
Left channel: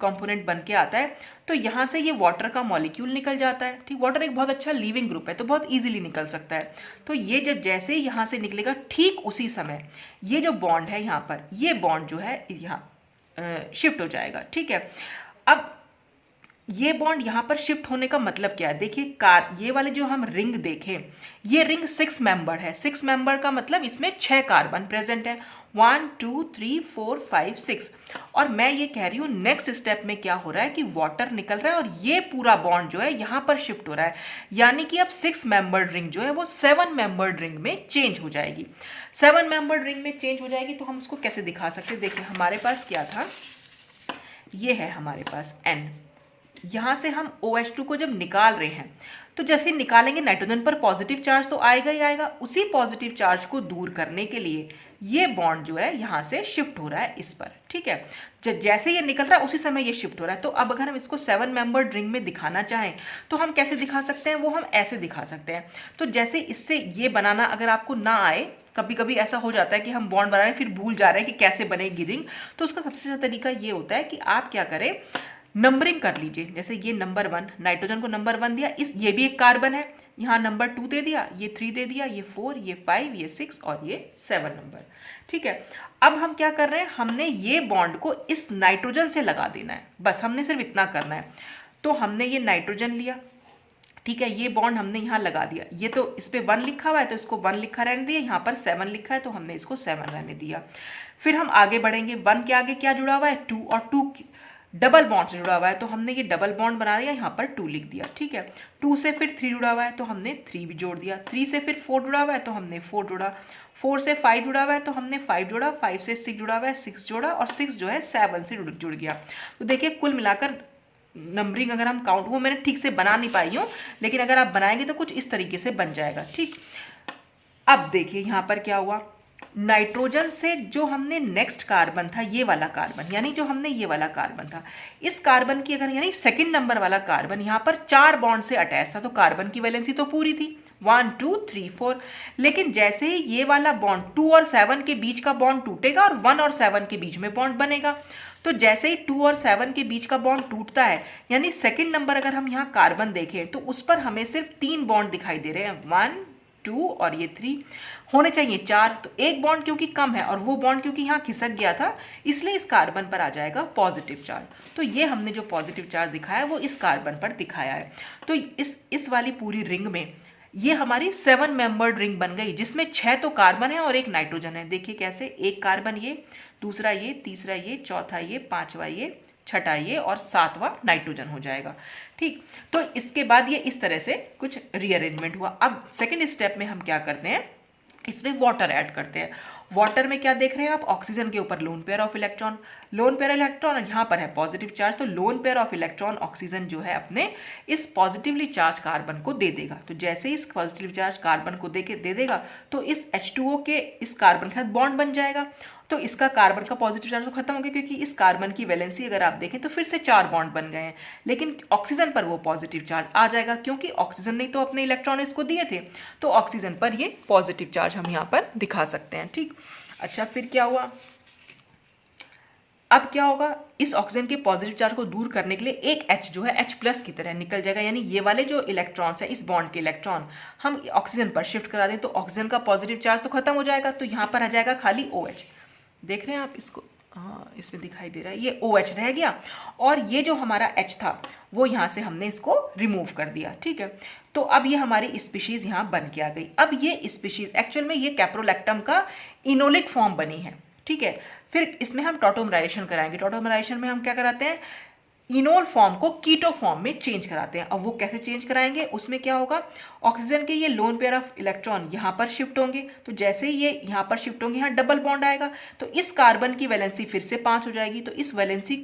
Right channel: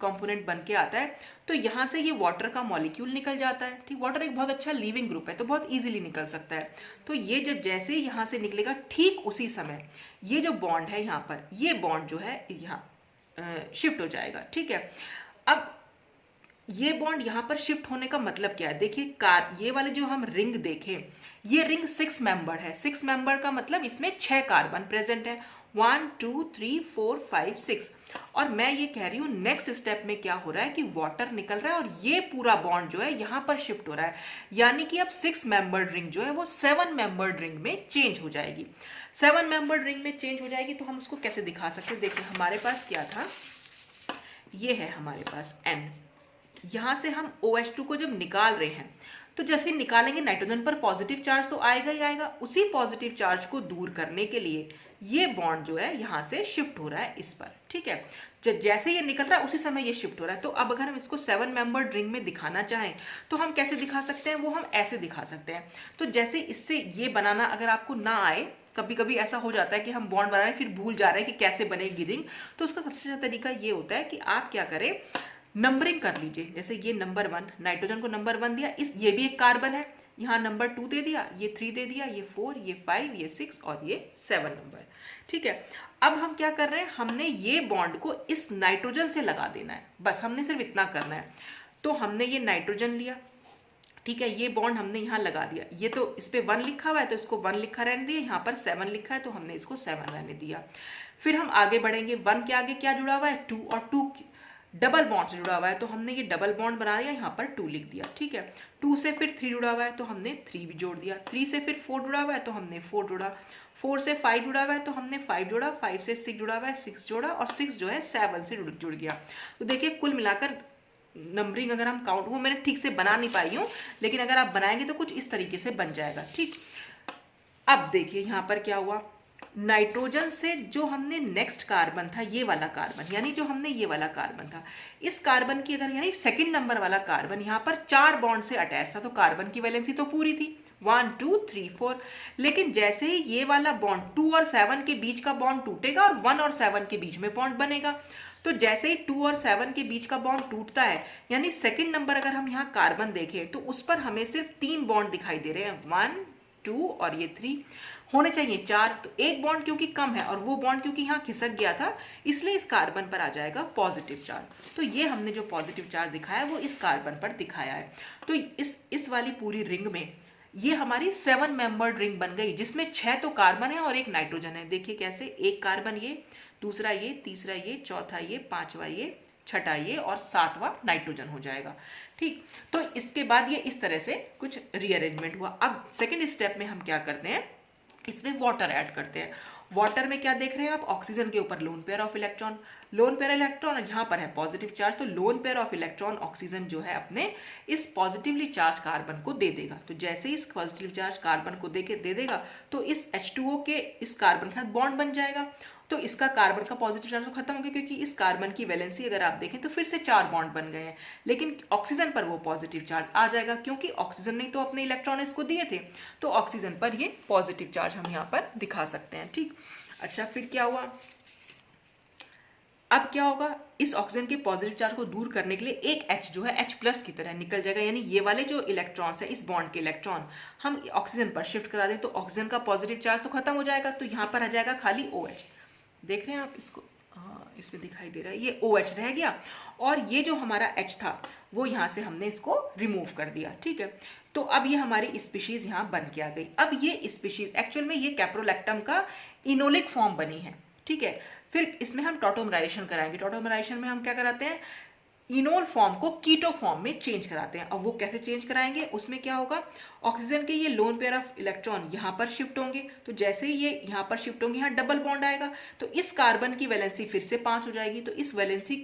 कंपोनेंट बन के आता है तो यहाँ से ये वाटर का मॉलिक्यूल निकल जाता है। ठीक, वाटर एक बहुत अच्छा लिविंग ग्रुप है तो बहुत इजीली निकल सकता है। तो ये जब जैसे ही यहाँ से निकलेगा ठीक उसी समय ये जो बॉन्ड है यहाँ पर, ये बॉन्ड जो है यहाँ शिफ्ट हो जाएगा। ठीक है, अब ये बॉन्ड यहाँ पर शिफ्ट होने का मतलब क्या है, देखिए ये वाले जो हम रिंग देखें, ये रिंग 6 मेंबर है। 6 मेंबर का मतलब इसमें 6 कार्बन प्रेजेंट है, 1 2 3 4 5 6। और मैं ये कह रही हूँ नेक्स्ट स्टेप में क्या हो रहा है कि वाटर निकल रहा है और ये पूरा बॉन्ड जो है यहाँ पर शिफ्ट हो रहा है, यानी कि अब 6 मेंबर्ड रिंग जो है वो 7 मेंबर्ड रिंग में चेंज हो जाएगी। 7 मेंबर्ड रिंग में चेंज हो जाएगी तो हम इसको कैसे दिखा सकते हैं, देखिए हमारे पास क्या था, ये है हमारे पास N, यहाँ से हम OH2 को जब निकाल रहे हैं तो जैसे निकालेंगे नाइट्रोजन पर पॉजिटिव चार्ज तो आएगा ही आएगा। उसी पॉजिटिव चार्ज को दूर करने के लिए ये बॉन्ड जो है यहाँ से शिफ्ट हो रहा है इस पर। ठीक है, जैसे ये निकल रहा है उसी समय ये शिफ्ट हो रहा है। तो अब अगर हम इसको 7 मेंबर्ड रिंग में दिखाना चाहें तो हम कैसे दिखा सकते हैं, वो हम ऐसे दिखा सकते हैं। तो जैसे इससे ये बनाना अगर आपको ना आए, कभी कभी ऐसा हो जाता है कि हम बॉन्ड बना रहे हैं फिर भूल जा रहे हैं कि कैसे बनेगी रिंग, तो उसका सबसे अच्छा तरीका ये होता है कि आप क्या करें, नंबरिंग कर लीजिए। जैसे ये नंबर 1, नाइट्रोजन को नंबर 1 दिया, ये भी एक कार्बन है, यहाँ नंबर 2 दे दिया, ये 3 दे दिया, ये 4, ये 5, ये 6 और ये 7 नंबर। ठीक है, अब हम क्या कर रहे हैं, हमने ये बॉन्ड को इस नाइट्रोजन से लगा देना है, बस हमने सिर्फ इतना करना है। तो हमने ये नाइट्रोजन लिया, ठीक है, ये बॉन्ड हमने यहाँ लगा दिया, ये तो इस पर 1 लिखा हुआ है तो इसको 1 लिखा रहने दिया, यहाँ पर 7 लिखा है तो हमने इसको 7 रहने दिया। फिर हम आगे बढ़ेंगे, 1 के आगे क्या जुड़ा हुआ है, 2, और 2 डबल बॉन्ड से जुड़ा हुआ है तो हमने ये डबल बॉन्ड बना दिया, यहाँ पर 2 लिख दिया। ठीक है, 2 से फिर 3 जुड़ा हुआ है तो हमने 3 भी जोड़ दिया, 3 से फिर 4 जुड़ा हुआ है तो हमने 4 जोड़ा, 4 से 5 जुड़ा हुआ है तो हमने 5 जोड़ा, 5 से 6 जुड़ा हुआ है 6 जोड़ा, और 6 जो है 7 से जुड़ गया। तो देखिए कुल मिलाकर नंबरिंग अगर हम काउंट, वो मैंने ठीक से बना नहीं पाई हूँ, लेकिन अगर आप बनाएंगे तो कुछ इस तरीके से बन जाएगा। ठीक, अब देखिए यहाँ पर क्या हुआ, नाइट्रोजन से जो हमने नेक्स्ट कार्बन था, ये वाला कार्बन, यानी जो हमने ये वाला कार्बन था, इस कार्बन की अगर यानी सेकंड नंबर वाला कार्बन यहाँ पर 4 बॉन्ड से अटैच था, तो कार्बन की वैलेंसी तो पूरी थी 1 2 3 4। लेकिन जैसे ही ये वाला बॉन्ड 2 और 7 के बीच का बॉन्ड टूटेगा और 1 और 7 के बीच में बॉन्ड बनेगा, तो जैसे ही 2 और 7 के बीच का बॉन्ड टूटता है, यानी सेकंड नंबर अगर हम यहाँ कार्बन देखें तो उस पर हमें सिर्फ 3 बॉन्ड दिखाई दे रहे हैं, 1 2 और ये 3, होने चाहिए 4। तो एक बॉन्ड क्योंकि कम है और वो बॉन्ड क्योंकि यहाँ खिसक गया था, इसलिए इस कार्बन पर आ जाएगा पॉजिटिव चार्ज। तो ये हमने जो पॉजिटिव चार्ज दिखाया वो इस कार्बन पर दिखाया है। तो इस वाली पूरी रिंग में ये हमारी 7 मेंबर्ड रिंग बन गई, जिसमें 6 तो कार्बन है और एक नाइट्रोजन है। देखिए कैसे, एक कार्बन ये, दूसरा ये, तीसरा ये, चौथा ये, पांचवा ये, छठा ये और सातवां नाइट्रोजन हो जाएगा। ठीक, तो इसके बाद ये इस तरह से कुछ रीअरेंजमेंट हुआ। अब सेकेंड स्टेप में हम क्या करते हैं, इसमें वाटर ऐड करते हैं। वाटर में क्या देख रहे हैं आप, ऑक्सीजन के ऊपर lone pair of electron, lone pair electron, और यहाँ पर है पॉजिटिव चार्ज, तो lone pair of electron oxygen जो है अपने इस पॉजिटिवली चार्ज कार्बन को दे देगा। तो जैसे इस पॉजिटिव चार्ज कार्बन को दे देगा तो इस H2O के इस कार्बन के साथ बॉन्ड बन जाएगा। तो इसका कार्बन का पॉजिटिव चार्ज तो खत्म हो गया, क्योंकि इस कार्बन की वैलेंसी अगर आप देखें तो फिर से 4 बॉन्ड बन गए हैं, लेकिन ऑक्सीजन पर वो पॉजिटिव चार्ज आ जाएगा, क्योंकि ऑक्सीजन ने तो अपने इलेक्ट्रॉन इसको दिए थे, तो ऑक्सीजन पर ये पॉजिटिव चार्ज हम यहाँ पर दिखा सकते हैं। ठीक, अच्छा फिर क्या हुआ, अब क्या होगा, इस ऑक्सीजन के पॉजिटिव चार्ज को दूर करने के लिए एक H जो है H प्लस की तरह निकल जाएगा, यानी ये वाले जो इलेक्ट्रॉन्स है, इस बॉन्ड के इलेक्ट्रॉन हम ऑक्सीजन पर शिफ्ट करा दें तो ऑक्सीजन का पॉजिटिव चार्ज तो खत्म हो जाएगा, तो यहाँ पर आ जाएगा खाली OH। देख रहे हैं आप इसको, हाँ इसमें दिखाई दे रहा है, ये OH रह गया और ये जो हमारा H था वो यहाँ से हमने इसको रिमूव कर दिया। ठीक है, तो अब ये हमारी स्पीशीज यहाँ बन के आ गई। अब ये स्पीशीज एक्चुअल में ये कैप्रोलैक्टम का इनोलिक फॉर्म बनी है। ठीक है, फिर इसमें हम टॉटोमराइजेशन कराएंगे। टॉटोमराइजेशन में हम क्या कराते हैं, इनोल फॉर्म को कीटो फॉर्म में चेंज कराते हैं। अब वो कैसे चेंज कराएंगे, उसमें क्या होगा, ऑक्सीजन के ये लोन पेयर ऑफ इलेक्ट्रॉन यहाँ पर शिफ्ट होंगे, तो जैसे ही ये यहाँ पर शिफ्ट होंगे, यहाँ डबल बॉन्ड आएगा, तो इस कार्बन की वैलेंसी फिर से 5 हो जाएगी, तो इस वैलेंसी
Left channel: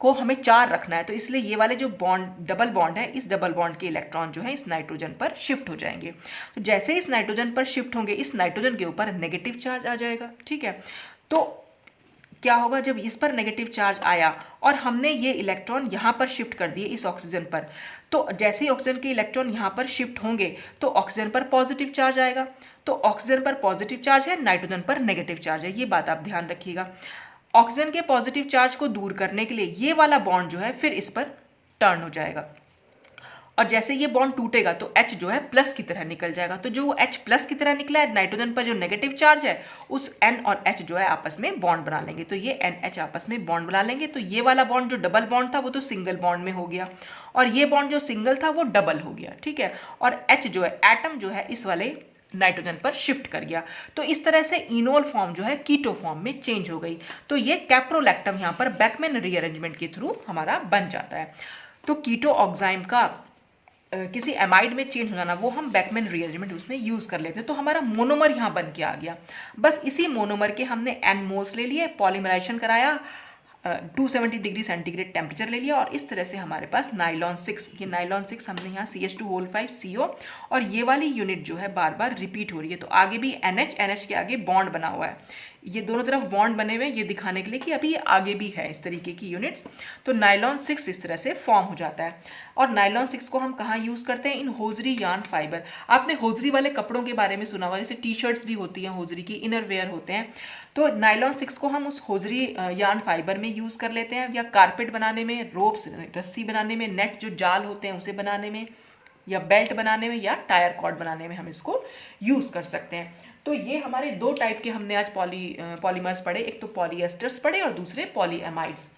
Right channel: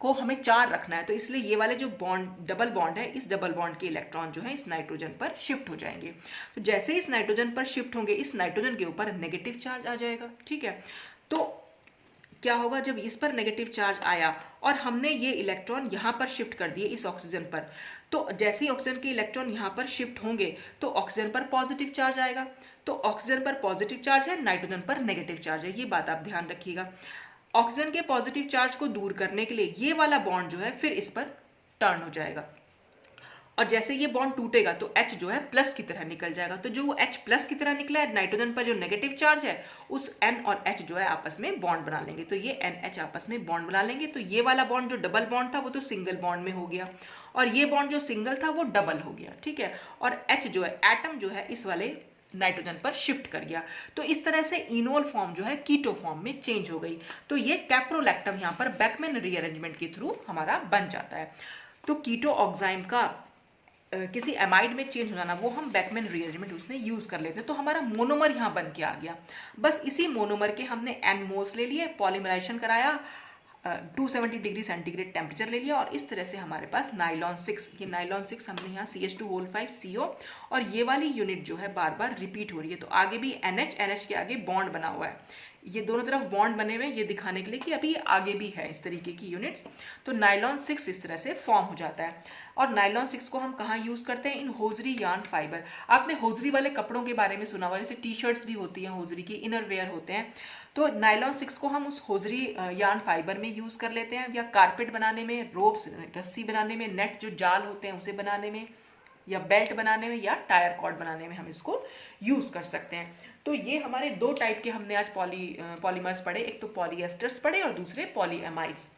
को हमें 4 रखना है, तो इसलिए ये वाले जो बॉन्ड डबल बॉन्ड है, इस डबल बॉन्ड के इलेक्ट्रॉन जो है इस नाइट्रोजन पर शिफ्ट हो जाएंगे। तो जैसे इस नाइट्रोजन पर शिफ्ट होंगे, इस नाइट्रोजन के ऊपर नेगेटिव चार्ज आ जाएगा। ठीक है, तो क्या होगा, जब इस पर नेगेटिव चार्ज आया और हमने ये इलेक्ट्रॉन यहाँ पर शिफ्ट कर दिए इस ऑक्सीजन पर, तो जैसे ही ऑक्सीजन के इलेक्ट्रॉन यहाँ पर शिफ्ट होंगे तो ऑक्सीजन पर पॉजिटिव चार्ज आएगा। तो ऑक्सीजन पर पॉजिटिव चार्ज है, नाइट्रोजन पर नेगेटिव चार्ज है, ये बात आप ध्यान रखिएगा। ऑक्सीजन के पॉजिटिव चार्ज को दूर करने के लिए ये वाला बॉन्ड जो है फिर इस पर टर्न हो जाएगा, और जैसे ये बॉन्ड टूटेगा तो H जो है प्लस की तरह निकल जाएगा। तो जो H प्लस की तरह निकला है, नाइट्रोजन पर जो नेगेटिव चार्ज है, उस N और H जो है आपस में बॉन्ड बना लेंगे, तो ये NH आपस में बॉन्ड बना लेंगे। तो ये वाला बॉन्ड जो डबल बॉन्ड था वो तो सिंगल बॉन्ड में हो गया, और ये बॉन्ड जो सिंगल था वो डबल हो गया। ठीक है, और H जो है एटम जो है इस वाले नाइट्रोजन पर शिफ्ट कर गया। तो इस तरह से इनोल फॉर्म जो है कीटो फॉर्म में चेंज हो गई। तो ये कैप्रोलैक्टम यहाँ पर बैकमैन रीअरेंजमेंट के थ्रू हमारा बन जाता है। तो कीटो ऑक्साइम का किसी एमाइड में चेंज हो जाना, वो हम बैकमैन रीअरेंजमेंट उसमें यूज़ कर लेते हैं। तो हमारा मोनोमर यहाँ बन के आ गया। बस इसी मोनोमर के हमने N मोल्स ले लिए, पॉलीमराइजेशन कराया, 270 डिग्री सेंटीग्रेड टेम्परेचर ले लिया, और इस तरह से हमारे पास नाइलॉन 6, ये नाइलॉन 6 हमने यहाँ CH2O5 CO, और ये वाली यूनिट जो है बार बार रिपीट हो रही है। तो आगे भी NH के आगे बॉन्ड बना हुआ है, ये दोनों तरफ बॉन्ड बने हुए हैं, ये दिखाने के लिए कि अभी आगे भी है इस तरीके की यूनिट्स। तो नाइलॉन 6 इस तरह से फॉर्म हो जाता है। और नाइलॉन 6 को हम कहाँ यूज़ करते हैं, इन होजरी यार्न फाइबर। आपने होजरी वाले कपड़ों के बारे में सुना हुआ, जैसे टी शर्ट्स भी होती हैं होजरी की, इनर वेयर होते हैं। तो नाइलॉन 6 को हम उस होजरी यार्न फाइबर में यूज़ कर लेते हैं, या कारपेट बनाने में, रोप्स रस्सी बनाने में, नेट जो जाल होते हैं उसे बनाने में, या बेल्ट बनाने में, या टायर कॉर्ड बनाने में हम इसको यूज़ कर सकते हैं। तो ये हमारे 2 टाइप के हमने आज पॉलीमर्स पढ़े, एक तो पॉलीएस्टर्स पढ़े और दूसरे पॉलीएमाइड्स।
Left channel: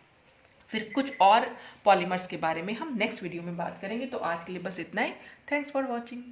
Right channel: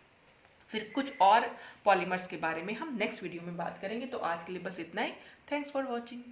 फिर कुछ और पॉलीमर्स के बारे में हम नेक्स्ट वीडियो में बात करेंगे। तो आज के लिए बस इतना ही। Thanks for watching.